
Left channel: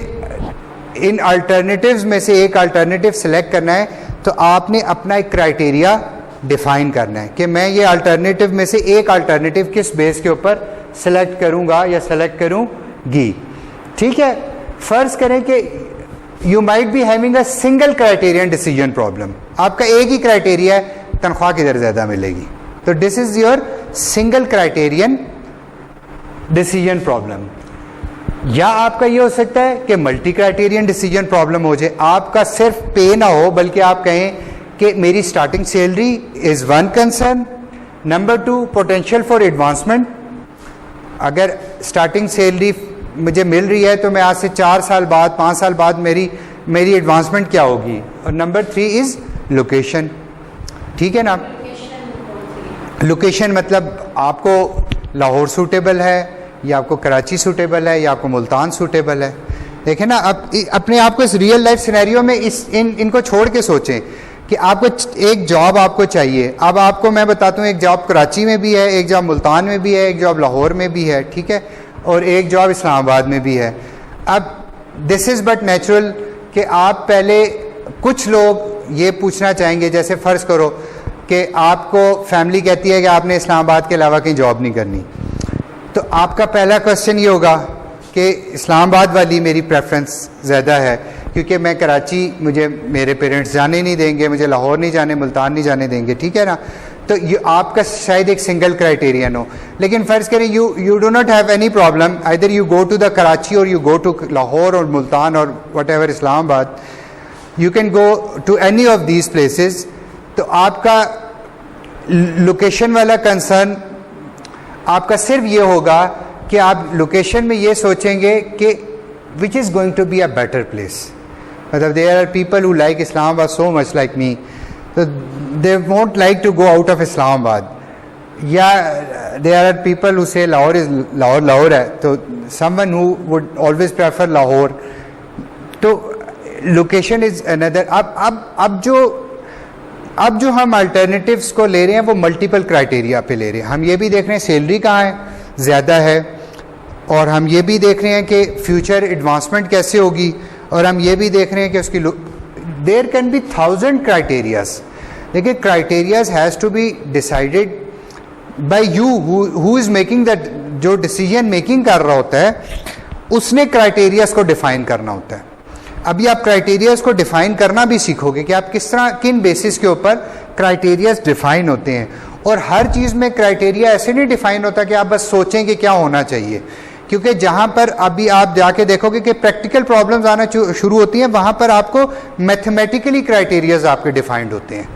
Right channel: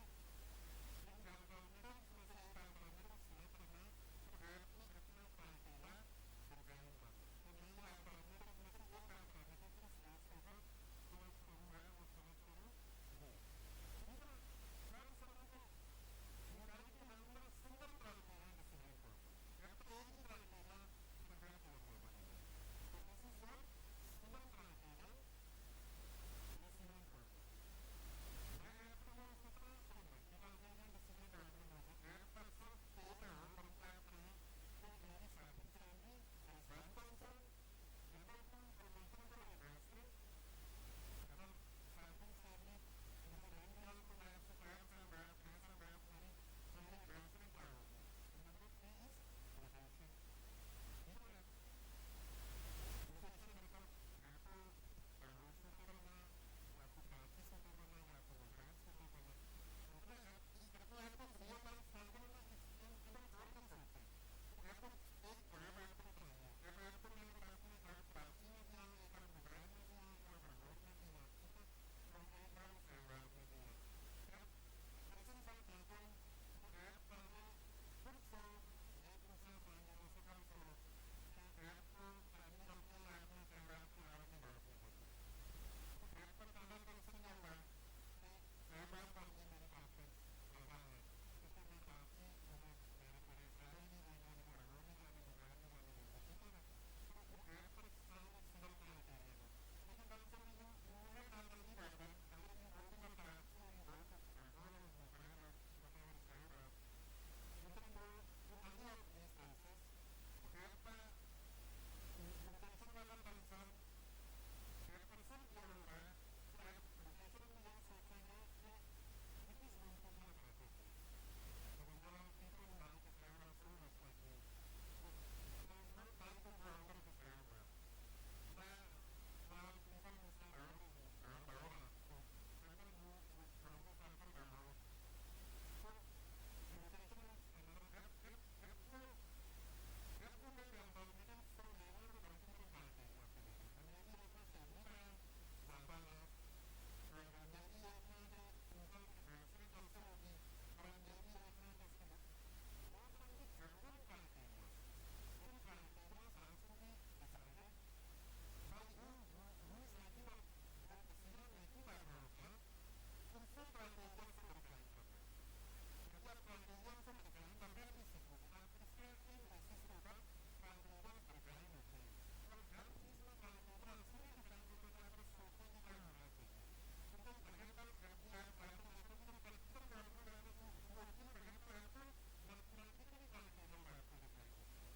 इन अल्टरनेटिव्स में से एक अल्टरनेटिव सेलेक्ट करना है तो आपने अपना एक क्राइटेरिया डिफाइन करना है कि मैं ये अल्टरनेटिव में से एक अल्टरनेटिव किस बेस के ऊपर सेलेक्ट करूंगा या सेलेक्ट करूंगी। ठीक है, फर्ज करें कि you might be having a single criterion decision problem. आपका एक ही क्राइटेरिया है, तनख्वाह किधर ज़्यादा मिलेगी, तो this is your single criterion decision problem. या आपका ये हो सकता है कि मल्टी क्राइटेरियन डिसीजन प्रॉब्लम हो जाए, आपका सिर्फ पे ना हो बल्कि आप कहें कि मेरी starting salary is one concern, number 2 potential for advancement, अगर स्टार्टिंग सैलरी मुझे मिल रही है तो मैं आज से 4 साल बाद 5 साल बाद मेरी एडवांसमेंट क्या होगी, और नंबर 3 इज लोकेशन। ठीक है ना, लोकेशन मतलब आपको लाहौर सूटेबल है या आपको कराची सूटेबल है या आपको मुल्तान सूटेबल है। देखें ना, अब अपने आप को इस रियल लाइफ सिनेरियो में इनको छोड़ के सोचें कि आपको एक जॉब आपको चाहिए। अब आपको मैं बताता हूँ, एक जॉब कराची में भी है, एक जॉब मुल्तान में भी है, एक जॉब लाहौर में भी है, ठीक है, और एक जॉब इस्लामाबाद में भी है। अब दिस इज़ बट नेचुरल कि आप पहले, कुछ लोग ये पूछना चाहेंगे, जैसे फ़र्ज़ करो कि आपको फैमिली कहती है कि आपने इस्लामाबाद के अलावा कहीं जॉब नहीं करनी, तो आपका पहला क्वेश्चन ये होगा कि इस्लामाबाद वाली मेरी प्रेफरेंस ज़्यादा है क्योंकि मैं कराची, मुझे मेरे पेरेंट्स जाने नहीं देंगे, मुझे लाहौर नहीं जाने, मुल्तान नहीं जाने देंगे, ठीक है ना। तो ये आपका शायद एक सिंगल क्राइटेरियन हो, लेकिन फ़र्ज़ करें you do not have any problem, either you go to the Karachi और यू गो टू लाहौर और मुल्तान और whatever Islamabad, you can go to any of these places. तो आपका लोकेशन वाला कंसर्न आपका सिर्फ ये होगा कि आप लोकेशन में ये सोचेंगे कि which is going to be a better place. मतलब there are people who like Islamabad so much like me, तो they won't like to go out of Islamabad, या देयर आर पीपल हु से लाहौर इज लाहौर है, तो someone who would always prefer Lahore. तो location is another. अब जो हम अल्टरनेटिव्स को ले रहे हैं वो मल्टीपल क्राइटेरिया पे ले रहे हैं। हम ये भी देख रहे हैं सैलरी कहाँ है ज़्यादा है, और हम ये भी देख रहे हैं कि फ्यूचर एडवांसमेंट कैसे होगी, और हम ये भी देख रहे हैं कि उसकी देयर कैन बी 1000 क्राइटेरियाज। देखिए, criterias has to be decided by you who is making that. जो डिसीजन मेकिंग कर रहा होता है उसने क्राइटेरियाज को डिफाइन करना होता है। अभी आप क्राइटेरियाज को डिफाइन करना भी सीखोगे कि आप किस तरह, किन बेसिस के ऊपर क्राइटेरियाज डिफाइन होते हैं। और हर चीज़ में क्राइटेरिया ऐसे नहीं डिफाइन होता कि आप बस सोचें कि क्या होना चाहिए, क्योंकि जहाँ पर अभी आप जाके देखोगे कि प्रैक्टिकल प्रॉब्लम्स आना शुरू होती हैं, वहाँ पर आपको मैथमेटिकली क्राइटेरियाज आपके डिफाइंड होते हैं।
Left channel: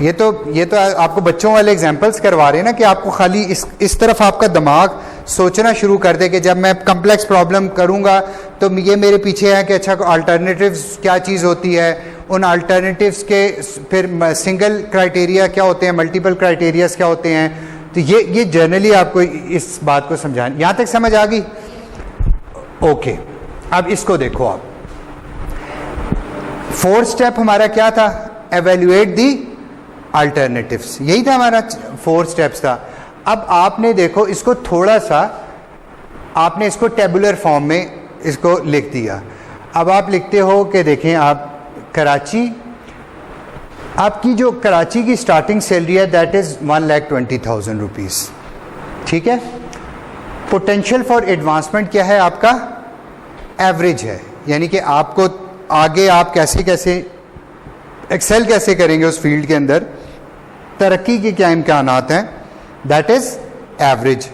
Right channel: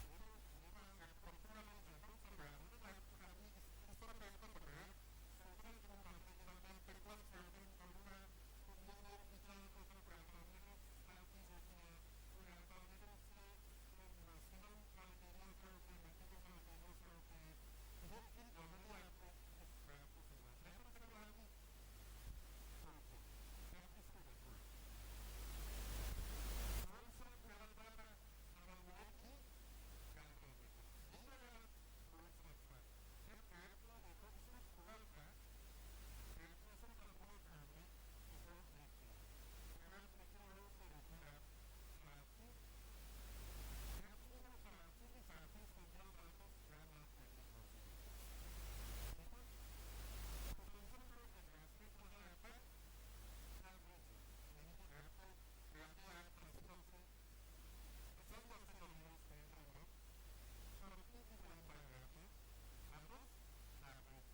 ये तो आपको बच्चों वाले एग्जांपल्स करवा रहे हैं ना, कि आपको खाली इस तरफ आपका दिमाग सोचना शुरू कर दे कि जब मैं कम्प्लेक्स प्रॉब्लम करूँगा तो ये मेरे पीछे है कि अच्छा अल्टरनेटिव्स क्या चीज़ होती है, उन अल्टरनेटिव्स के फिर सिंगल क्राइटेरिया क्या होते हैं, मल्टीपल क्राइटेरियाज क्या होते हैं। तो ये जनरली आपको इस बात को समझाना, यहाँ तक समझ आ गई? ओके, अब इसको देखो आप। 4th स्टेप हमारा क्या था? एवेल्युएट दी अल्टरनेटिव्स, यही था हमारा 4 स्टेप्स था। अब आपने देखो इसको थोड़ा सा, आपने इसको टेबुलर फॉर्म में इसको लिख दिया। अब आप लिखते हो कि देखें, आप कराची, आपकी जो कराची की स्टार्टिंग सैलरी है दैट इज़ 1,20,000 रुपीज़, ठीक है। पोटेंशियल फॉर एडवांसमेंट क्या है आपका? एवरेज है, यानी कि आपको आगे आप कैसे एक्सेल कैसे करेंगे उस फील्ड के अंदर, तरक्की के क्या इम्कानात हैं, दैट इज़ एवरेज।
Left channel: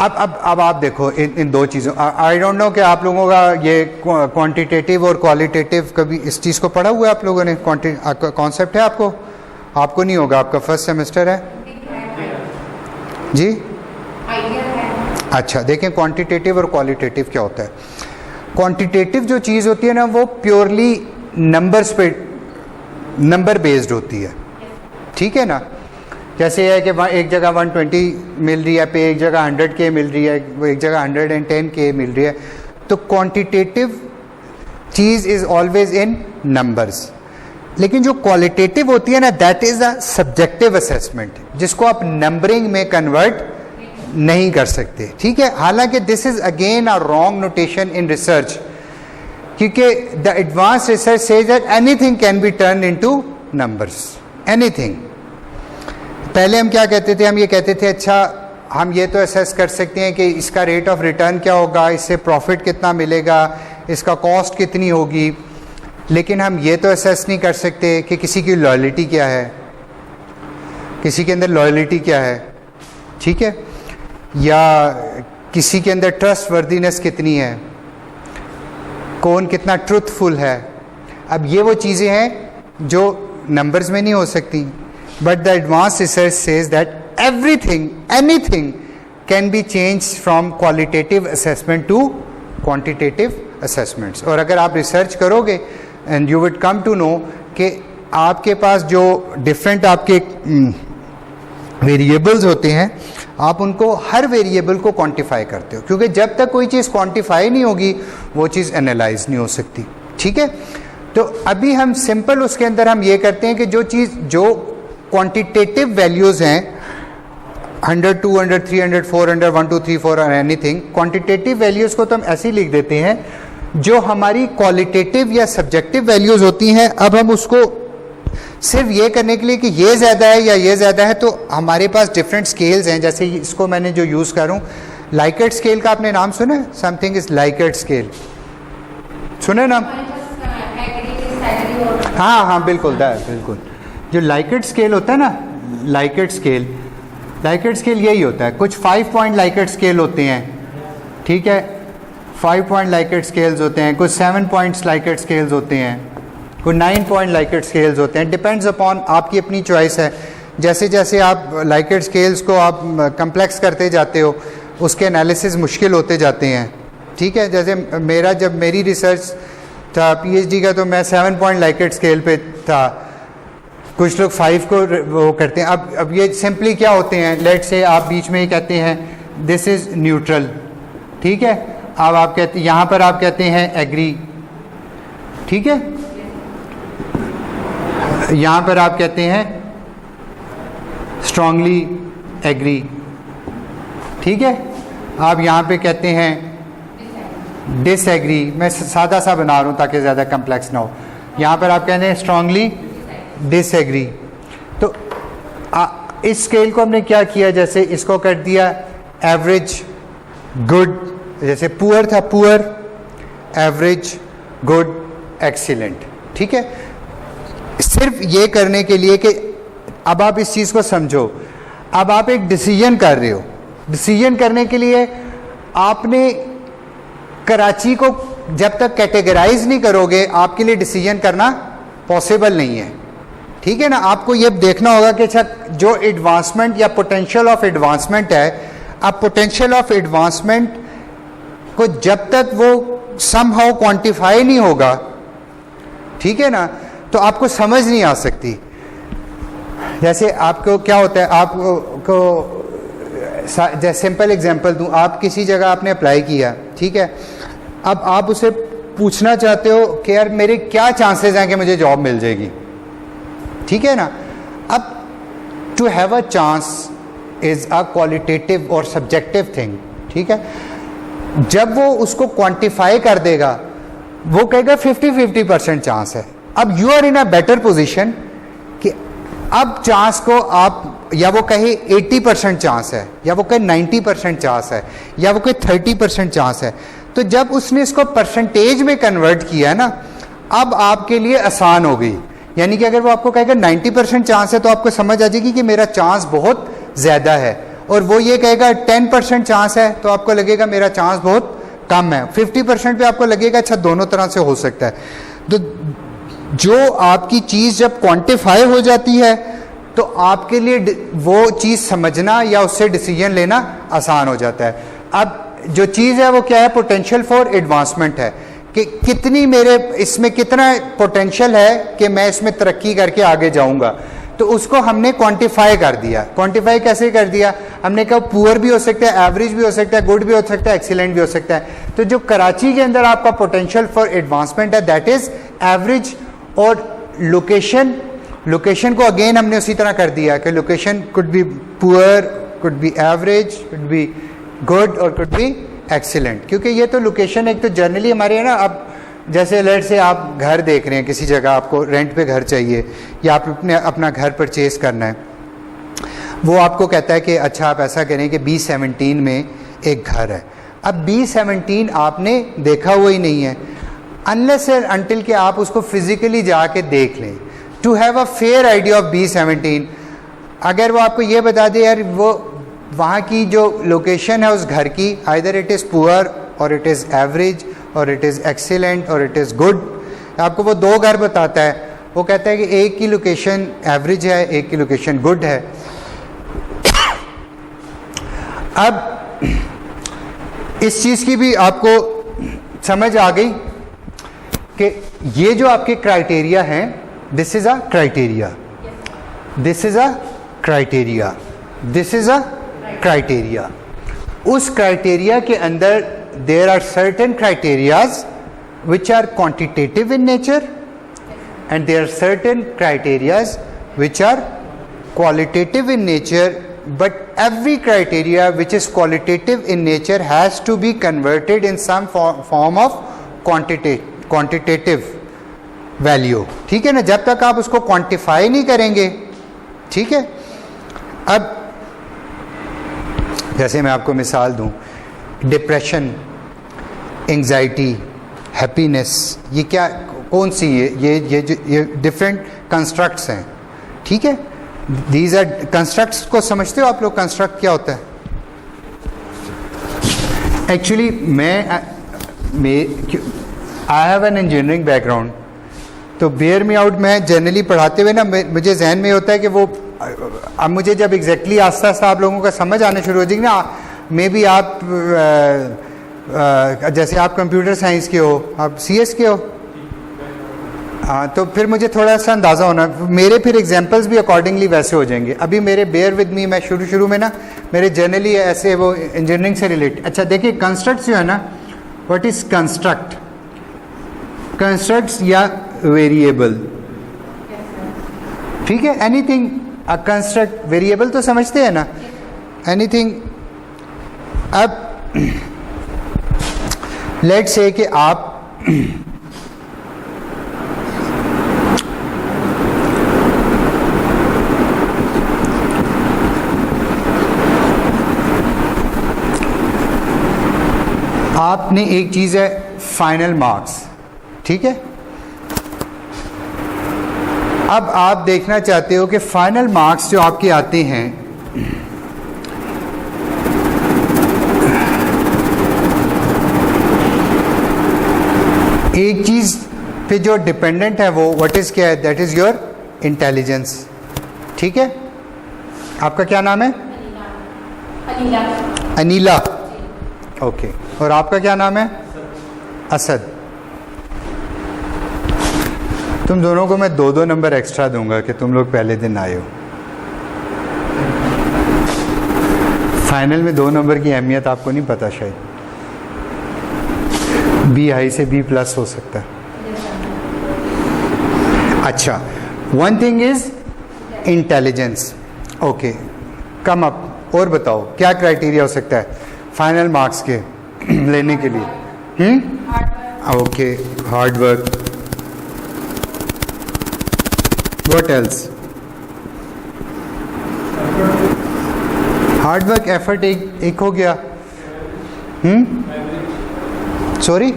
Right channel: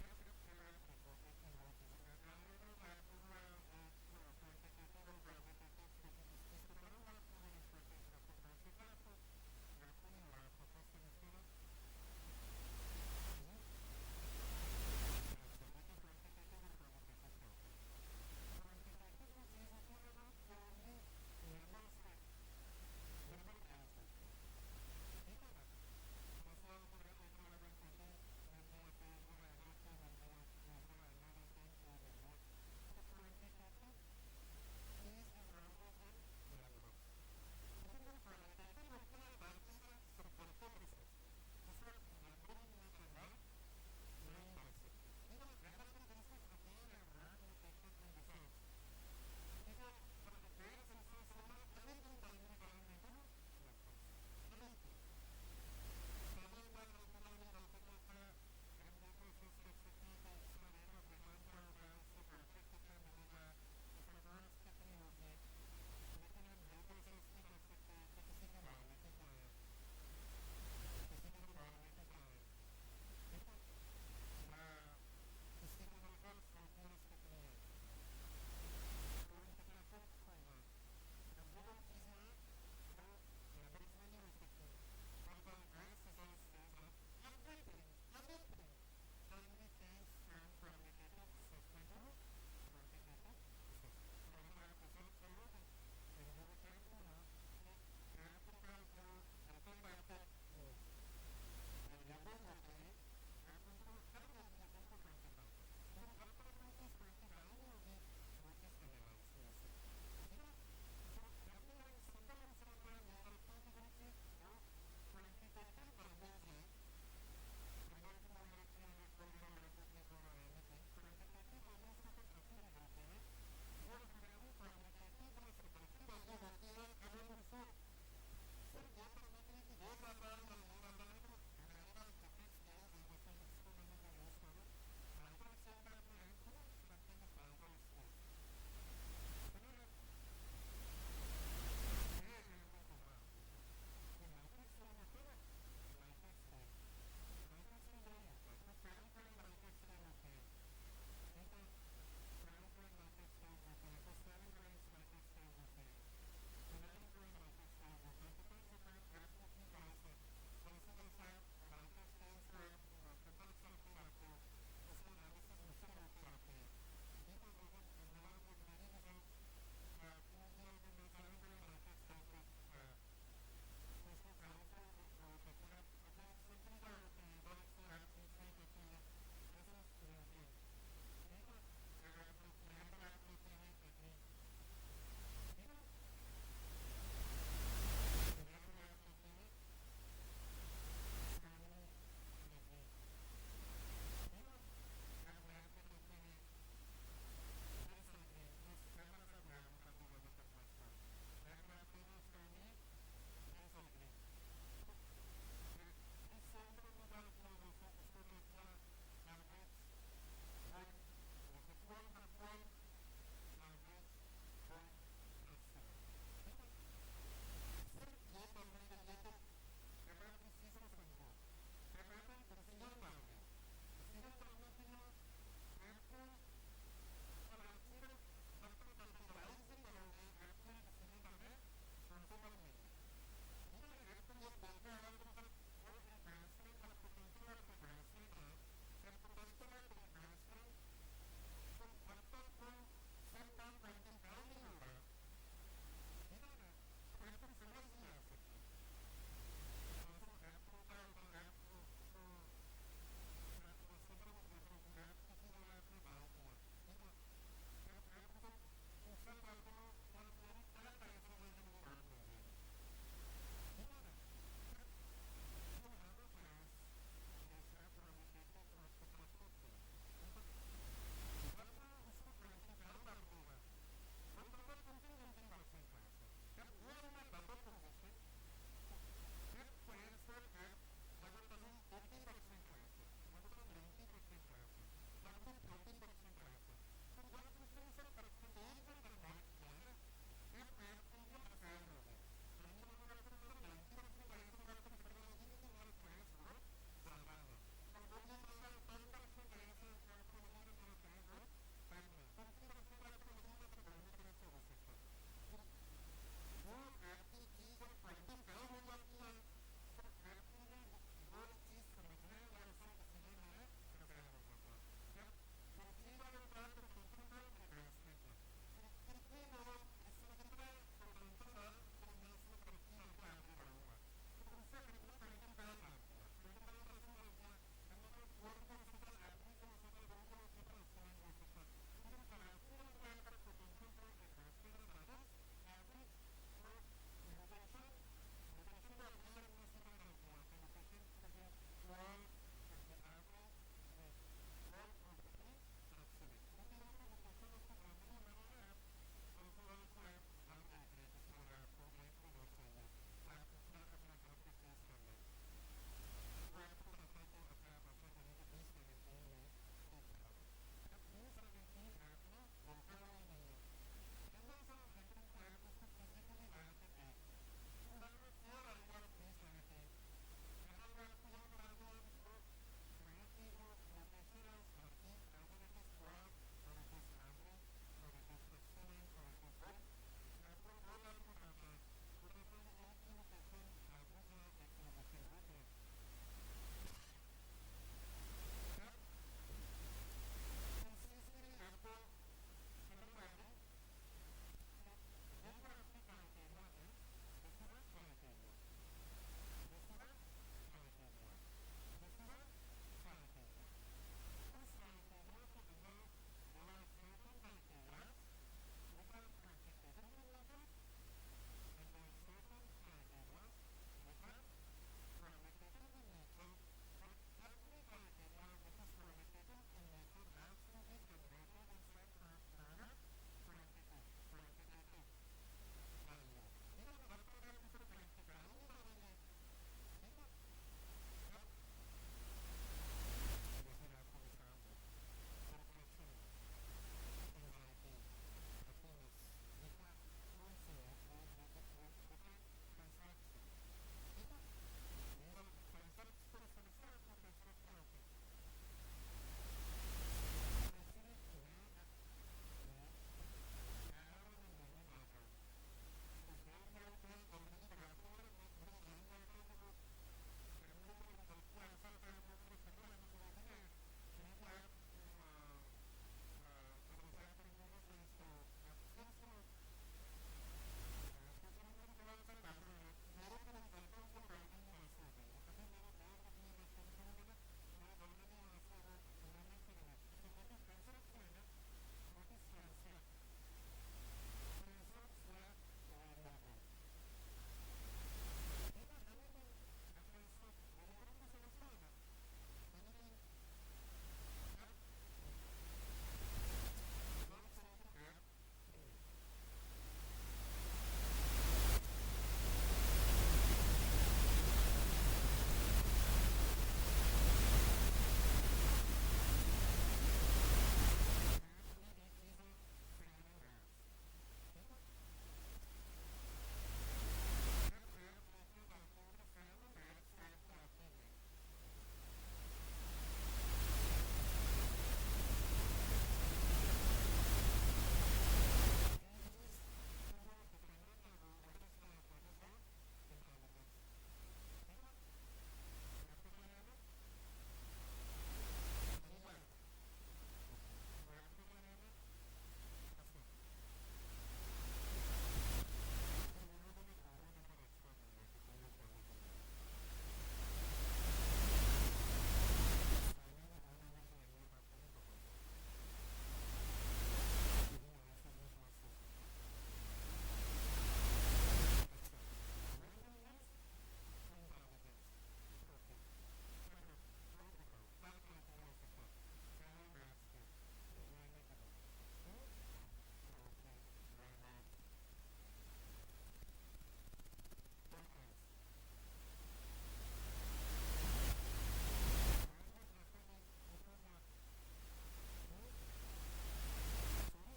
अब आप देखो इन दो चीज़ों, आई डोंट नो कि आप लोगों का ये क्वांटिटेटिव और क्वालिटेटिव कभी इस चीज़ को पढ़ा हुआ है आप लोगों ने? कॉन्सेप्ट है आपको नहीं होगा, आपका फर्स्ट सेमेस्टर है जी। अच्छा, देखें क्वांटिटेटिव और क्वालिटेटिव क्या होता है। क्वांटिटेटिव जो चीज़ होती है ना, वो प्योरली नंबर्स पे, नंबर बेस्ड होती है, ठीक है ना। जैसे है कि एक जगह 120 मिल रही है पे, एक जगह 100K मिल रही है, एक जगह 110K मिल रही है। तो quantitative cheese is always in numbers, लेकिन जो क्वालिटेटिव होती है ना, that is a subjective assessment, जिसको आप नंबरिंग में कन्वर्ट नहीं कर सकते। ठीक है, हालांकि this is again a wrong notation in research, क्योंकि the advance research says that anything can be turn into numbers, anything. पहले हम क्या कहते थे, हम ये कहते थे अच्छा हम ये तो असेस कर सकते हैं कि इसका रेट ऑफ रिटर्न क्या होगा, इससे प्रॉफिट कितना मिलेगा, इसका कॉस्ट कितनी होगी, लेकिन हम ये तो असेस नहीं कर सकते कि किसी की लॉयल्टी क्या है, किसी के अंदर लॉयल्टी क्या है, ठीक है, या किसी के अंदर ट्रस्ट वर्दीनेस कितनी है, कौन कितना ट्रूथफुल है। अब ये वो चीज़ें हैं जो नंबर्स में नहीं हो सकती, but the advance research says that everything anything can be change from qualitative assessment to quantitative assessments. और अगर आप रिसर्च करोगे and you would come to know कि आपके पास जो डिफरेंट आपके वेरिएबल्स होते हैं, आप उनको हर वेरिएबल को क्वांटिफाई करते हो, क्योंकि जब तक कोई चीज़ क्वांटिफाई नहीं होगी वो चीज़ एनालाइज नहीं हो सकती। ठीक है, तो अभी हम सिंपल उसके अंदर हम ये करते हैं कि जो चीज़ जो क्वांटिटेटिव वैल्यूज़ हैं 100, 200, 300, 400, 1, 2, 3, 4 और एनीथिंग, क्वांटिटेटिव वैल्यूज़ को तो हम ऐसे ही लिख देते हैं। जो हमारी क्वालिटेटिव या सब्जेक्टिव वैल्यूज़ होती हैं, अब हम उसको सिर्फ ये करने के लिए कि ये ज़्यादा है या ये ज़्यादा है, तो हमारे पास डिफरेंट स्केल्स हैं। जैसे इसको मैंने जो यूज़ कर रहा हूँ, लाइकेट स्केल का आपने नाम सुना है? समथिंग इज़ लाइकेट स्केल, सुना है नाम? हाँ हाँ बिल्कुल, बिल्कुल। जो लाइकेट स्केल होता है ना, लाइकेट स्केल यही होता है। कुछ 5 पॉइंट लाइकेट स्केल होते हैं, ठीक है, 5 पॉइंट लाइकेट स्केल्स होते हैं, कुछ 7 पॉइंट्स लाइकेट स्केल्स होते हैं, कुछ 9 पॉइंट लाइकेट स्केल्स होते हैं। डिपेंड्स अपॉन आपकी अपनी चॉइस है। जैसे जैसे आप लाइकेट स्केल्स को आप कम्प्लेक्स करते जाते हो, उसके एनालिसिस मुश्किल होते जाते हैं। ठीक है, जैसे जब मेरी रिसर्च था PhD का, तो मैं 7 पॉइंट लाइकेट स्केल पे था, कुछ लोग 5 को वो करते हैं। अब ये सिंपली क्या होते हैं, लेट से आप बीच में ही कहते हैं दिस इज़ न्यूट्रल, ठीक है, अब आप कहते, यहाँ पर आप कहते हैं एग्री, ठीक है, यहाँ पर आप कहते हैं स्ट्रांगली एग्री, ठीक है, आप यहाँ पे कहते हैं डिसएग्री। मैं सादा सा बना रहा हूँ ताकि ज़्यादा कम्प्लेक्स ना हो। यहाँ पर आप कहते हैं स्ट्रांगली डिसएग्री। तो इस स्केल को हमने क्या किया, जैसे इसको कर दिया एवरेज गुड, जैसे पुअर था पुअर, एवरेज गुड एक्सीलेंट, ठीक है, सिर्फ ये करने के लिए कि अब आप इस चीज़ को समझो। अब आप एक डिसीजन कर रहे हो, डिसीजन करने के लिए आपने कराची को जब तक कैटेगराइज नहीं करोगे, आपके लिए डिसीजन करना पॉसिबल नहीं है। ठीक है ना, आपको ये देखना होगा कि अच्छा जो एडवांसमेंट या पोटेंशियल ऑफ एडवांसमेंट है, अब पोटेंशियल ऑफ एडवांसमेंट को जब तक वो समहाउ क्वांटिफाई नहीं होगा, ठीक है ना, तो आपको समझ नहीं आ सकती। जैसे आपको क्या होता है, आपको जैसे सिंपल एग्जांपल दूं, आप किसी जगह आपने अप्लाई किया, ठीक है, अब आप उसे पूछना चाहते हो कि यार मेरे क्या चांसेस हैं कि मुझे जॉब मिल जाएगी, ठीक है ना। अब to have a chance is a qualitative और सब्जेक्टिव थिंग, ठीक है। जब वो उसको क्वांटिफाई कर देगा, वो कहेगा 50-50% चांस है। अब you are in a better position कि अब चांस को आप, या वो कहे 80% चांस है, या वो कहे 90% चांस है, या वो कहे 30% चांस है। तो जब उसने इसको परसेंटेज में कन्वर्ट किया ना, अब आपके लिए आसान हो गई। यानी कि अगर वो आपको कहेगा 90% चांस है, तो आपको समझ आ जाएगी कि मेरा चांस बहुत ज़्यादा है, और वो ये कहेगा 10% चांस है, तो आपको लगेगा मेरा चांस बहुत कम है। 50% पे आपको लगेगा अच्छा दोनों तरह से हो सकता है। तो जो आपकी चीज़ जब क्वांटिफाई हो जाती है, तो आपके लिए वो चीज़ समझना या उससे डिसीजन लेना आसान हो जाता है। अब जो चीज़ है वो क्या है, पोटेंशियल फॉर एडवांसमेंट है, कि कितनी मेरे इसमें कितना पोटेंशियल है कि मैं इसमें तरक्की करके आगे जाऊंगा। तो उसको हमने क्वांटिफाई कर दिया। क्वांटिफाई कैसे कर दिया? हमने कहा पुअर भी हो सकता है, एवरेज भी हो सकता है, गुड भी हो सकता है, एक्सीलेंट भी हो सकता है। तो जो कराची के अंदर आपका पोटेंशियल फॉर एडवांसमेंट है दैट इज एवरेज। और लोकेशन को अगेन हमने उसी तरह कर दिया कि location could be poor, could be average, could be good और कुड बी एक्सीलेंट। क्योंकि ये तो लोकेशन एक तो जनरली हमारे है ना, अब जैसे लेट से आप घर देख रहे हैं किसी जगह, आपको रेंट पे घर चाहिए या आप अपना घर परचेज करना है, वो आपको कहता है कि अच्छा आप ऐसा करें कि B17 में एक घर है। अब B17 आपने देखा हुआ ही नहीं है अनलेस एंड अनटिल कि आप उसको फिजिकली जाके देख लें to have a fair idea of B17। अगर वो आपको ये बता दे यार वो वहाँ की जो लोकेशन है उस घर की, आइदर इट इज़ पुअर और इट इज़ एवरेज और इट इज़ एक्सीलेंट और इट इज़ गुड, आपको वो दो घर बताता है, वो कहता है कि एक की लोकेशन एवरेज है, एक की लोकेशन गुड है। अब इस चीज़ की भी आपको समझ आ गई कि ये जो आपके क्राइटेरिया हैं, this is a criteria, this is a criteria, this is a criteria. उस क्राइटेरिया के अंदर there are certain criterias which are quantitative in nature and there are certain criterias which are qualitative in nature, but every criteria which is qualitative in nature has to be converted in some form of quantitative value। ठीक है ना, जब तक आप उसको quantify नहीं करेंगे, ठीक है। अब जैसे मैं आपको मिसाल दूं, डिप्रेशन, एंजाइटी, हैप्पीनेस, ये क्या कौन सी ये डिफरेंट कंस्ट्रक्ट्स हैं, ठीक है। दीज आर कंस्ट्रक्ट्स को समझते हो आप लोग? कंस्ट्रक्ट क्या होता है? Actually I have an engineering background, तो बेयर मी आउट, मैं जनरली पढ़ाते हुए ना मुझे जहन में होता है कि वो अब मुझे जब एग्जैक्टली आस्ता आस्ता आप लोगों का समझ आने शुरू हो जाएगी ना, मे बी आप जैसे आप कंप्यूटर साइंस के हो, आप CS के हो, हाँ, तो फिर मुझे थोड़ा सा अंदाज़ा होना, मेरे फिर एग्जांपल्स भी अकॉर्डिंगली वैसे हो जाएंगे। अभी मेरे बेयर विद मी, मैं शुरू में ना मेरे जनरली ऐसे वो इंजीनियरिंग से रिलेटेड। अच्छा देखिए, कंस्ट्रक्ट्स जो है ना, व्हाट इज़ कंस्ट्रक्ट? कंस्ट्रक्ट्स या वेरिएबल, ठीक है, एनीथिंग अ कंस्ट्रक्ट, वेरिएबल तो समझते हैं ना, एनीथिंग। अब लेट्स से कि आप आपने एक चीज़ है फाइनल मार्क्स, ठीक है। अब आप देखना चाहते हो कि फाइनल मार्क्स जो आपके आते हैं, एक चीज़ पे जो डिपेंडेंट है वो व्हाट इज़ क्या है? दैट इज़ योर इंटेलिजेंस, ठीक है। आपका क्या नाम है? अनीला। अनीला, ओके। और आपका क्या नाम है? असद। तुम दोनों को मैं 2-2 नंबर एक्स्ट्रा दूंगा कि तुम लोग पहले दिन आए हो। फाइनल में 2 नंबर की अहमियत आपको नहीं पता शायद। B हाई से B+ हो सकता है। अच्छा, one thing is intelligence, okay, come up. और बताओ क्या क्राइटेरिया हो सकता है फाइनल मार्क्स के लेने के लिए? Okay, hard work, what else? Hard work, effort एक हो गया। सॉरी,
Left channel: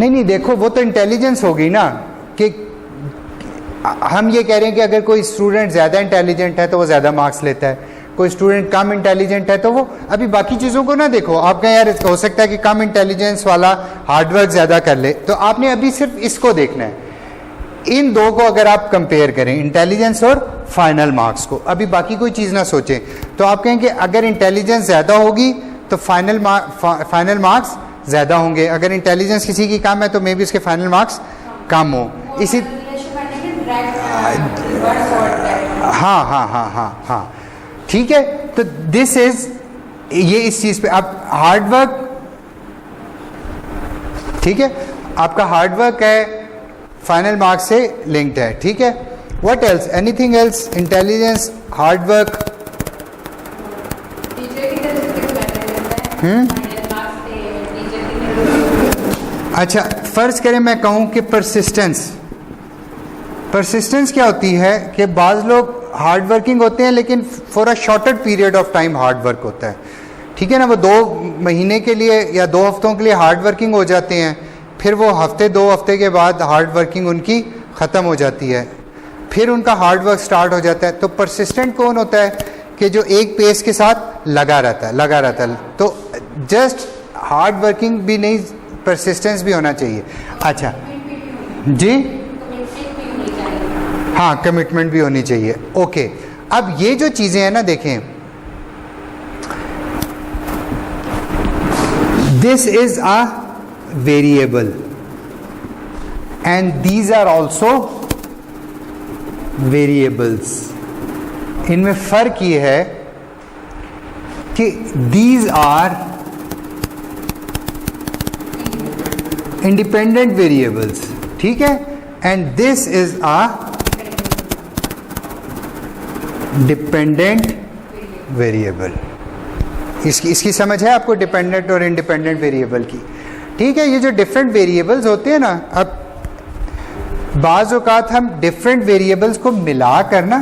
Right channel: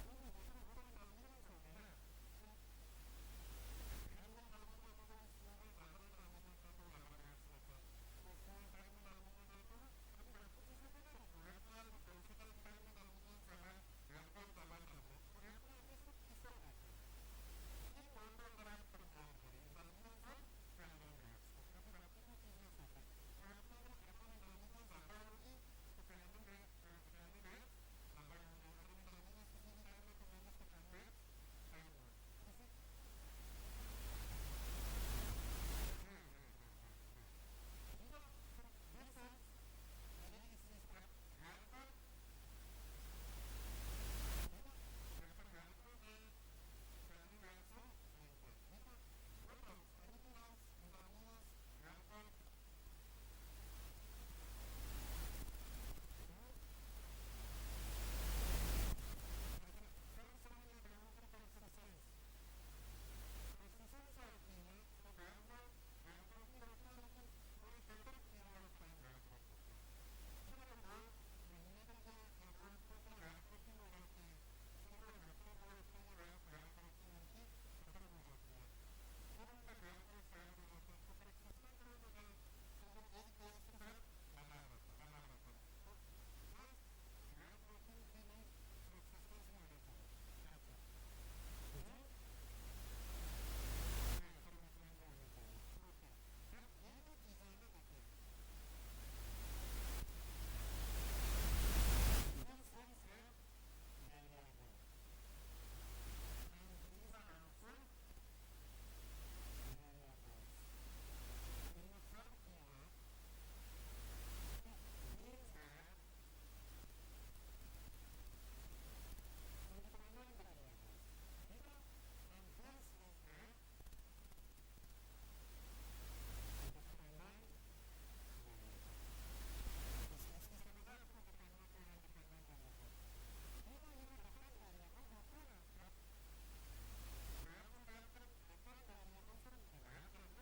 नहीं देखो, वो तो इंटेलिजेंस हो गई ना, कि हम ये कह रहे हैं कि अगर कोई स्टूडेंट ज़्यादा इंटेलिजेंट है तो वो ज़्यादा मार्क्स लेता है, कोई स्टूडेंट कम इंटेलिजेंट है तो वो, अभी बाकी चीज़ों को ना देखो, आप कहें यार हो सकता है कि कम इंटेलिजेंस वाला हार्डवर्क ज़्यादा कर ले, तो आपने अभी सिर्फ इसको देखना है। इन दो को अगर आप कंपेयर करें, इंटेलिजेंस और फाइनल मार्क्स को, अभी बाकी कोई चीज़ ना सोचें, तो आप कहें कि अगर इंटेलिजेंस ज़्यादा होगी तो फाइनल मार्क्स ज़्यादा होंगे, अगर इंटेलिजेंस किसी की कम है तो मे बी उसके फाइनल मार्क्स कम हो। इसी हाँ हाँ हाँ हाँ हाँ ठीक है। तो दिस इज ये इस चीज पे आप हार्ड वर्क, ठीक है, आपका हार्ड वर्क है फाइनल मार्क्स से लिंक्ड है, ठीक है। What else, anything else, intelligence, hard work. अच्छा, फर्ज करें मैं कहूं कि परसिस्टेंस क्या होती है कि बाज़ लोग हार्ड वर्किंग होते हैं लेकिन for a shorter period of time hard work होता है, ठीक है ना। वो 2 महीने के लिए या 2 हफ्तों के लिए हार्ड वर्किंग हो जाते हैं, फिर वो 2 हफ्ते के बाद हार्ड वर्किंग उनकी ख़त्म हो जाती है, फिर उनका हार्ड वर्क स्टार्ट हो जाता है। तो परसिस्टेंट कौन होता है कि जो एक पेस के साथ लगा रहता है। तो जस्ट हार्ड वर्किंग भी नहीं, परसिस्टेंस भी होना चाहिए। अच्छा जी, हाँ, कमिटमेंट भी होनी चाहिए। ओके, अब ये जो चीज़ें हैं ना, देखें, this is a variable and these are also variables. इनमें फ़र्क ये है कि दीज आर इंडिपेंडेंट वेरिएबल्स, ठीक है, and this is a dependent variable. इसकी समझ है आपको, डिपेंडेंट और इंडिपेंडेंट वेरिएबल की, ठीक है। ये जो डिफरेंट वेरिएबल्स होते हैं ना, अब बाज़ औक़ात हम डिफरेंट वेरिएबल्स को मिलाकर ना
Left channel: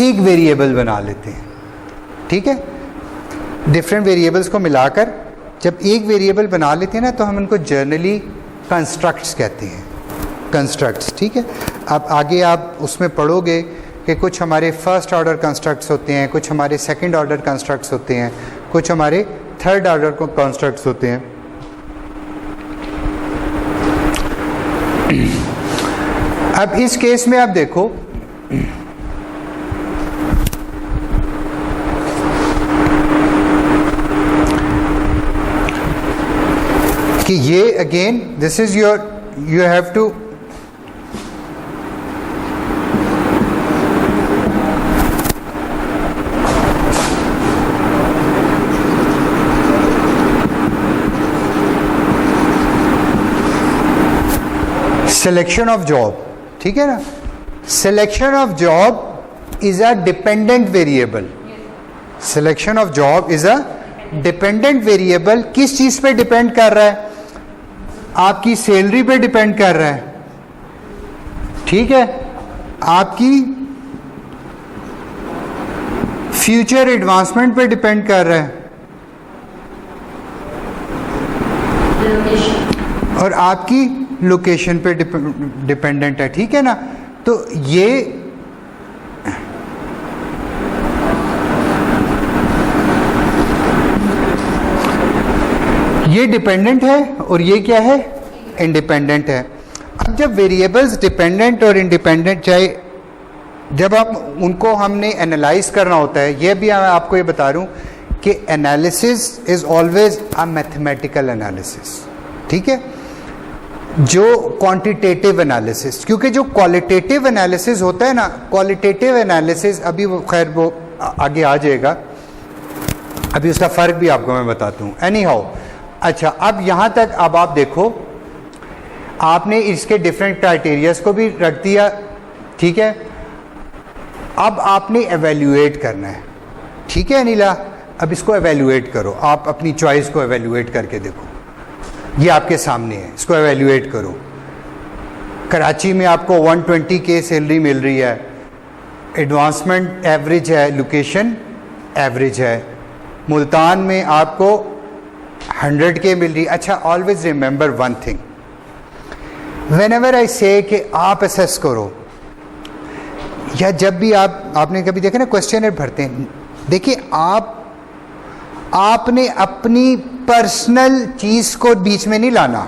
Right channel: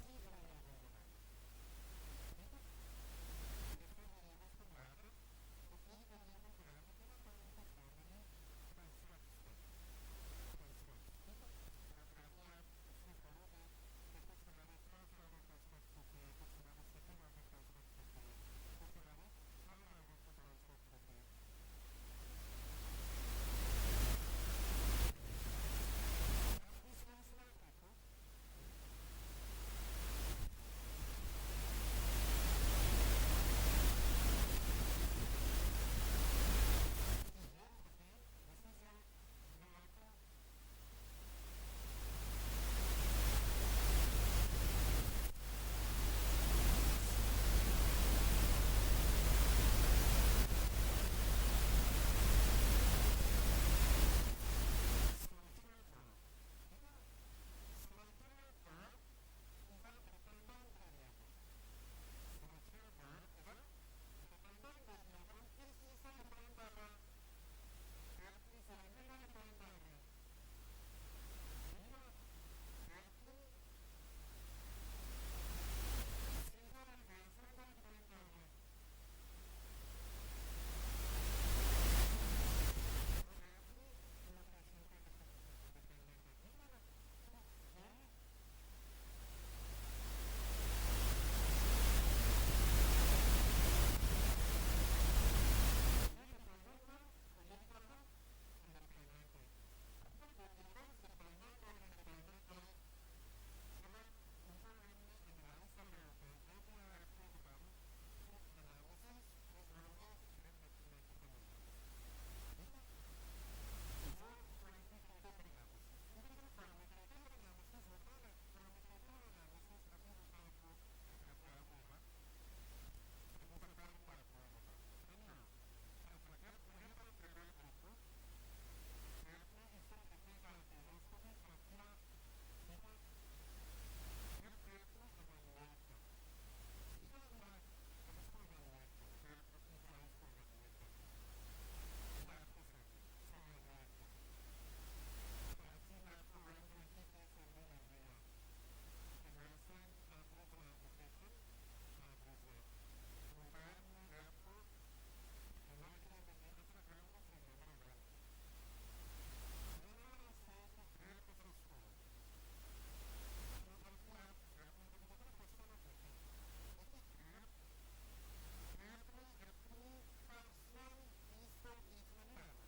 एक वेरिएबल बना लेते हैं, ठीक है। डिफरेंट वेरिएबल्स को मिलाकर जब एक वेरिएबल बना लेते हैं ना, तो हम उनको जर्नली कंस्ट्रक्ट्स कहते हैं, कंस्ट्रक्ट्स, ठीक है। अब आगे आप उसमें पढ़ोगे कि कुछ हमारे फर्स्ट ऑर्डर कंस्ट्रक्ट्स होते हैं, कुछ हमारे सेकंड ऑर्डर कंस्ट्रक्ट्स होते हैं, कुछ हमारे थर्ड ऑर्डर कंस्ट्रक्ट्स होते हैं। अब इस केस में आप देखो कि ये again this is your, you have to selection of job, ठीक है ना। Selection of job is a dependent variable. Selection of job is a dependent variable. किस चीज पे डिपेंड कर रहा है? आपकी सैलरी पे डिपेंड कर रहा है, ठीक है, आपकी फ्यूचर एडवांसमेंट पे डिपेंड कर रहा है, और आपकी लोकेशन पे डिपेंडेंट है, ठीक है ना। तो ये डिपेंडेंट है और ये क्या है? इंडिपेंडेंट है। अब जब वेरिएबल्स डिपेंडेंट और इंडिपेंडेंट, चाहे जब आप उनको हमने एनालाइज करना होता है, ये भी मैं आपको ये बता रहा हूँ कि analysis is always a mathematical analysis, ठीक है, जो क्वांटिटेटिव एनालिसिस, क्योंकि जो क्वालिटेटिव एनालिसिस होता है ना, क्वालिटेटिव एनालिसिस, अभी वो खैर वो आगे आ जाएगा, अभी उसका फ़र्क भी आपको मैं बताता हूँ। एनी हाउ, अच्छा, अब यहाँ तक अब आप देखो, आपने इसके डिफरेंट क्राइटेरियाज को भी रख दिया, ठीक है। अब आपने एवेल्यूएट करना है, ठीक है अनिला, अब इसको एवेल्यूएट करो, आप अपनी चॉइस को एवेल्यूएट करके देखो, ये आपके सामने है, इसको एवेल्यूएट करो। कराची में आपको 120 के सैलरी मिल रही है, एडवांसमेंट एवरेज है, लोकेशन एवरेज है। मुल्तान में आपको 100 के मिल रही है। अच्छा, always remember one thing, when ever I से कि आप असेस करो, या जब भी आपने कभी देखा ना क्वेश्चनर भरते हैं, देखिए आपने अपनी पर्सनल चीज को बीच में नहीं लाना,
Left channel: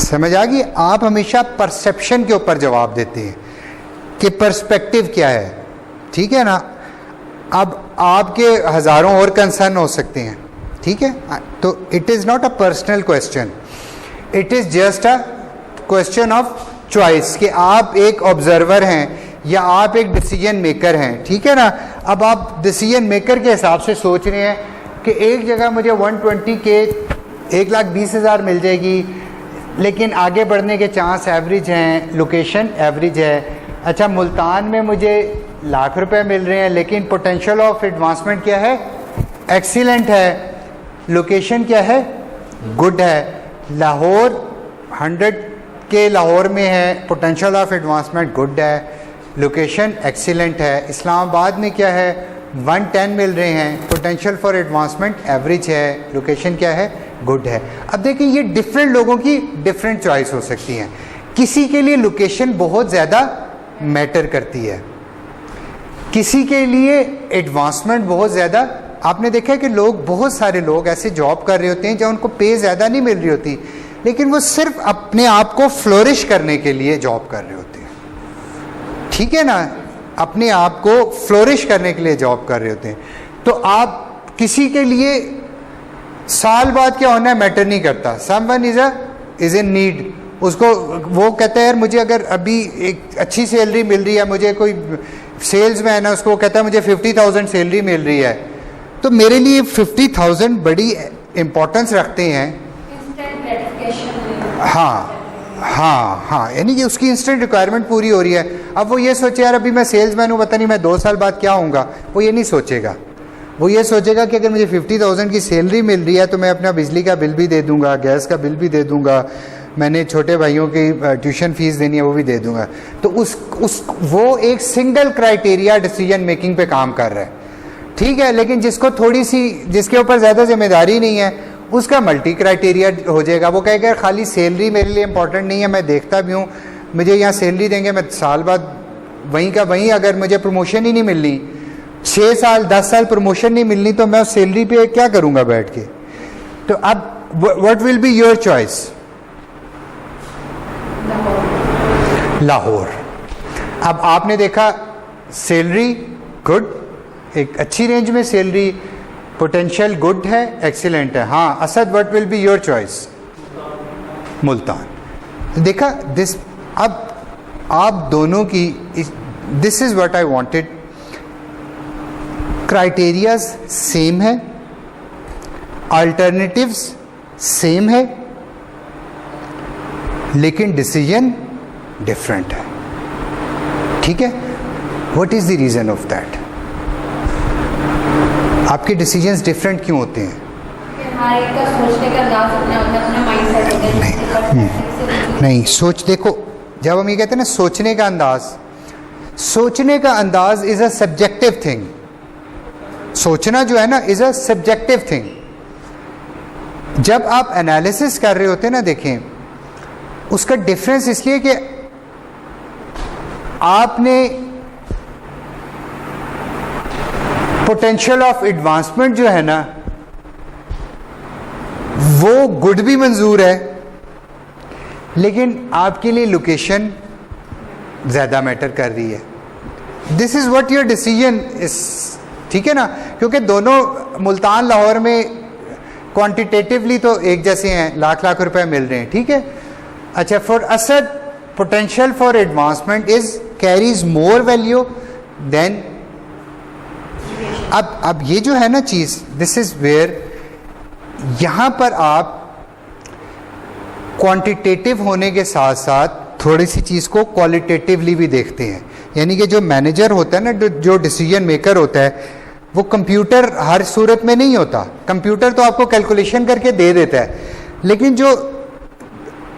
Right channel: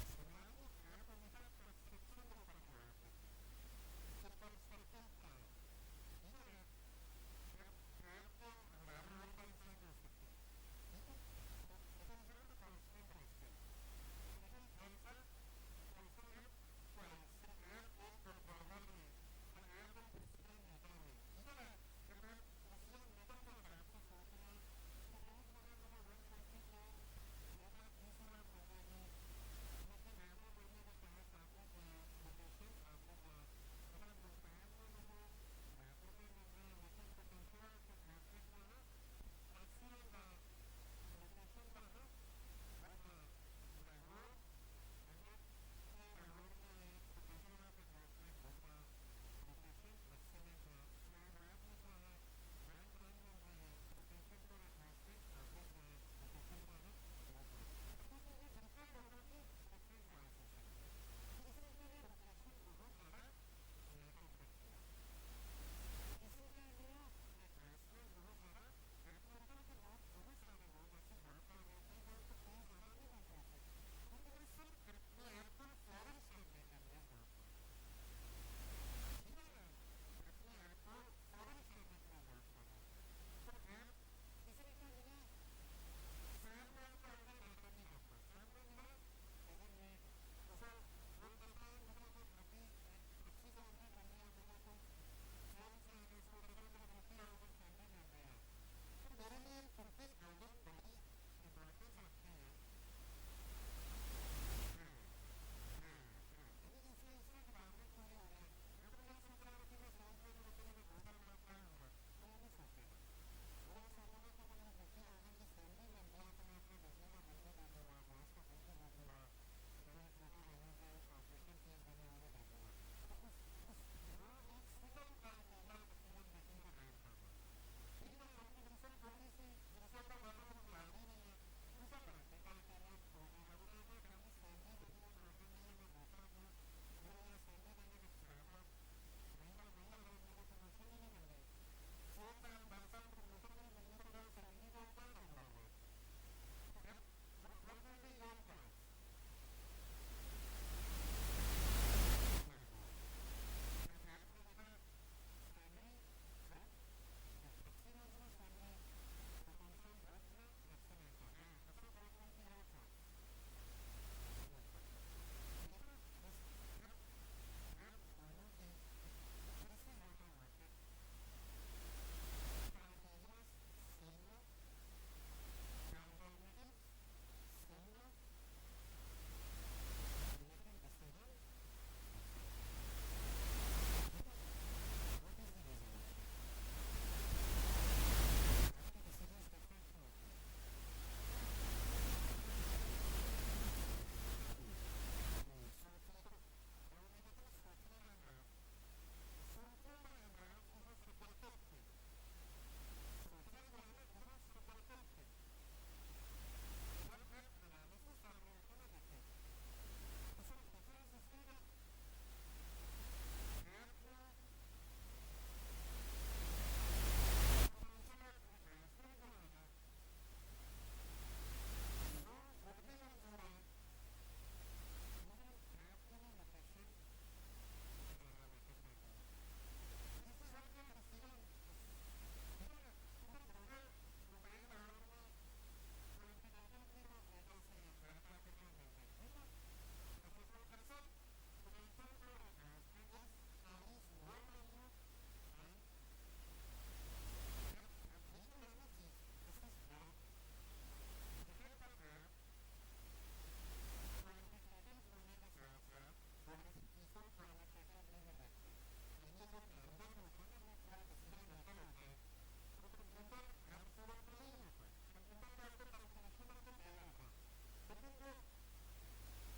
समझ आ गई? आप हमेशा परसेप्शन के ऊपर जवाब देते हैं कि पर्सपेक्टिव क्या है, ठीक है ना। अब आपके हजारों और कंसर्न हो सकते हैं, ठीक है, तो it is not a personal question. It is just a question of choice कि आप एक ऑब्जर्वर हैं या आप एक डिसीजन मेकर हैं, ठीक है ना। अब आप डिसीजन मेकर के हिसाब से सोच रहे हैं कि एक जगह मुझे 120 के 1,20,000 मिल जाएगी, लेकिन आगे बढ़ने के चांस एवरेज हैं, लोकेशन एवरेज है। अच्छा, मुल्तान में मुझे लाख रुपए मिल रहे हैं, लेकिन पोटेंशियल ऑफ एडवांसमेंट क्या है? एक्सीलेंट है। लोकेशन क्या है? गुड है। लाहौर 100 के लाहौर में है, पोटेंशियल ऑफ एडवांसमेंट गुड है, लोकेशन एक्सीलेंट है। इस्लामाबाद में क्या है? 110 मिल रहे हैं, पोटेंशियल फॉर एडवांसमेंट एवरेज है, लोकेशन क्या है? गुड है। अब देखिए, ये डिफरेंट लोगों की डिफरेंट चॉइस हो सकती हैं। किसी के लिए लोकेशन बहुत ज़्यादा मैटर करती है, किसी के लिए एडवांसमेंट बहुत ज़्यादा। आपने देखा है कि लोग, बहुत सारे लोग ऐसे जॉब कर रहे होते हैं जहाँ उनको पे ज़्यादा नहीं मिल रही होती, लेकिन वो सिर्फ अपने आप को फ्लोरिश करने के लिए जॉब कर रहे होते हैं, ठीक है ना, अपने आप को फ्लोरिश करने के लिए जॉब कर रहे होते हैं। तो आप किसी के लिए साल बाद क्या होना है मैटर नहीं करता। समवन इज़ इन नीड, उसको वो कहता है यार मुझे अगर अभी एक अच्छी सैलरी मिल रही है, मुझे कोई सेल्स मैन है, उसको कहता है मुझे 50,000 सैलरी मिल रही है, तो मेरे लिए 50,000 बड़ी इम्पोर्टेंस रखते हैं। हाँ हाँ हाँ, यानी कि उसकी इंस्टेंट रिक्वायरमेंट पूरी हो रही है। अब वो ये सोचे यार अभी मैं सेल्समैन हूँ, पता नहीं मैं 2 साल बाद क्या होऊंगा, वो ये नहीं सोचेगा। वो ये सोचेगा कि अगर मुझे 50,000 की सैलरी मिल रही है तो मैं अपना बिजली का बिल भी दे दूंगा, गैस का बिल भी दे दूंगा, मैंने छोटे भाइयों की ट्यूशन फीस देनी है वो भी दे दूंगा। तो वो एक सिंगल क्राइटेरिया डिसीजन मेकिंग पे काम कर रहा है, ठीक है। लेकिन जिसको थोड़ी सी, जिसके ऊपर ज़्यादा जिम्मेदारी नहीं है, उसका मल्टी क्राइटेरिया हो जाएगा। वो कहेगा खाली सैलरी मेरे लिए इंपॉर्टेंट नहीं है, मैं देखता भी हूँ मुझे यहाँ सैलरी देंगे, मैं साल बाद वहीं का वहीं, अगर मुझे प्रमोशन ही नहीं मिलनी, 6 साल 10 साल प्रमोशन नहीं मिलनी, तो मैं उस सैलरी पे क्या करूँगा बैठ के। तो अब what will be your choice? Lahore. अब आपने देखा सैलरी गुड, एक अच्छी रेंज में सैलरी, पोटेंशियल गुड है, एक्सीलेंट है। हाँ Asad, what will be your choice? Multan. देखा दिस, अब आप दोनों की, this is what I wanted. Criterias same है, अल्टरनेटिव्स सेम है, लेकिन डिसीजन डिफरेंट है, ठीक है। What is the reason of that? आपके डिसीजंस डिफरेंट क्यों होते हैं? हर एक का सोचने का अंदाज अपना होता है, अपना माइंडसेट होता है। नहीं, सोच, देखो जब हम ये कहते हैं ना सोचने का अंदाज, सोचने का अंदाज इज अ सब्जेक्टिव थिंग। सोचना जो है ना इज अ सब्जेक्टिव थिंग। जब आप एनालिसिस कर रहे होते हैं ना, देखें उसका डिफरेंस इसलिए कि आपने पोटेंशियल ऑफ एडवांसमेंट जो है ना वो गुड भी मंजूर है, लेकिन आपके लिए लोकेशन ज़्यादा मैटर कर रही है। This is what your decision is, ठीक है ना। क्योंकि दोनों मुल्तान लाहौर में क्वांटिटेटिवली तो एक जैसे हैं, लाख लाख रुपए मिल रहे हैं, ठीक है। अच्छा, for Asad potential for advancement is carries more value than. अब ये जो है ना चीज़, दिस इज वेयर, यहाँ पर आप क्वांटिटेटिव होने के साथ साथ थोड़ी सी चीज़ को क्वालिटेटिवली भी देखते हैं। यानी कि जो मैनेजर होता है ना, जो डिसीजन मेकर होता है, वो कंप्यूटर हर सूरत में नहीं होता। कंप्यूटर तो आपको कैलकुलेशन करके दे देता है, लेकिन जो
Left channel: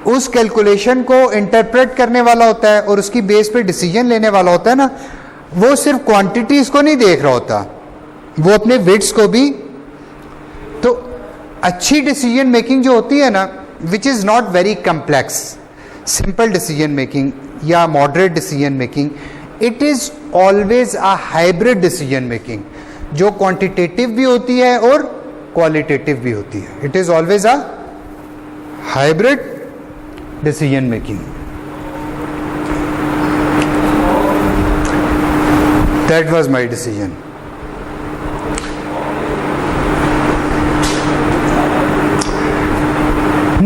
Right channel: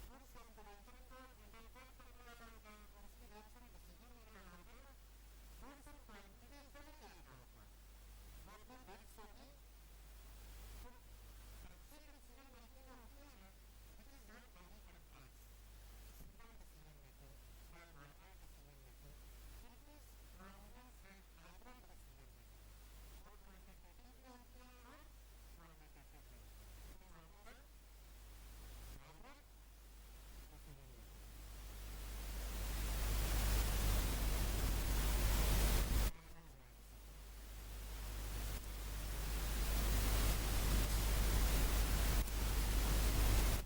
उस कैलकुलेशन को इंटरप्रेट करने वाला होता है और उसकी बेस पे डिसीजन लेने वाला होता है ना, वो सिर्फ क्वांटिटीज़ को नहीं देख रहा होता, वो अपने वेट्स को भी। तो अच्छी डिसीजन मेकिंग जो होती है ना, which is not very complex, simple decision making या moderate decision making, it is always a hybrid decision making, जो क्वांटिटेटिव भी होती है और क्वालिटेटिव भी होती है। It is always a hybrid decision making. That was my decision.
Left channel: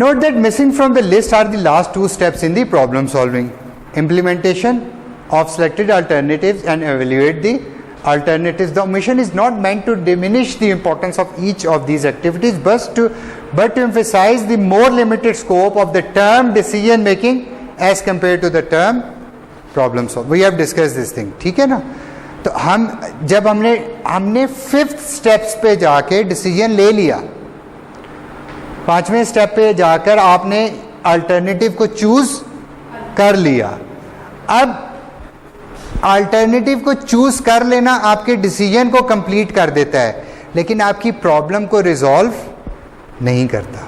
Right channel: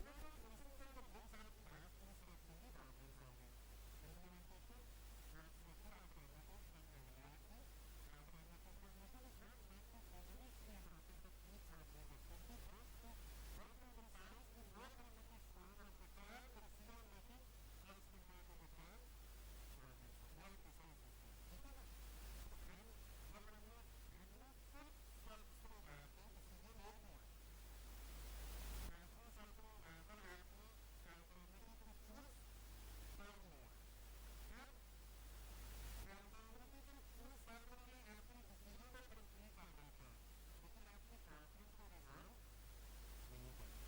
Note that missing from the list are the last two steps in the problem solving. Implementation of selected alternatives and evaluate the alternatives. The omission is not meant to diminish the importance of each of these activities, but to emphasize the more limited scope of the term decision making as compared to the term problem solving. We have discussed this thing. ठीक है ना? तो जब हमने fifth steps पे जाके decision ले लिया, पांचवें स्टेप पे जाकर आपने अल्टरनेटिव को चूज कर लिया. अब अल्टरनेटिव को चूज कर लेना आपके डिसीजन को कंप्लीट कर देता है, लेकिन आपकी प्रॉब्लम को रिजॉल्व नहीं करता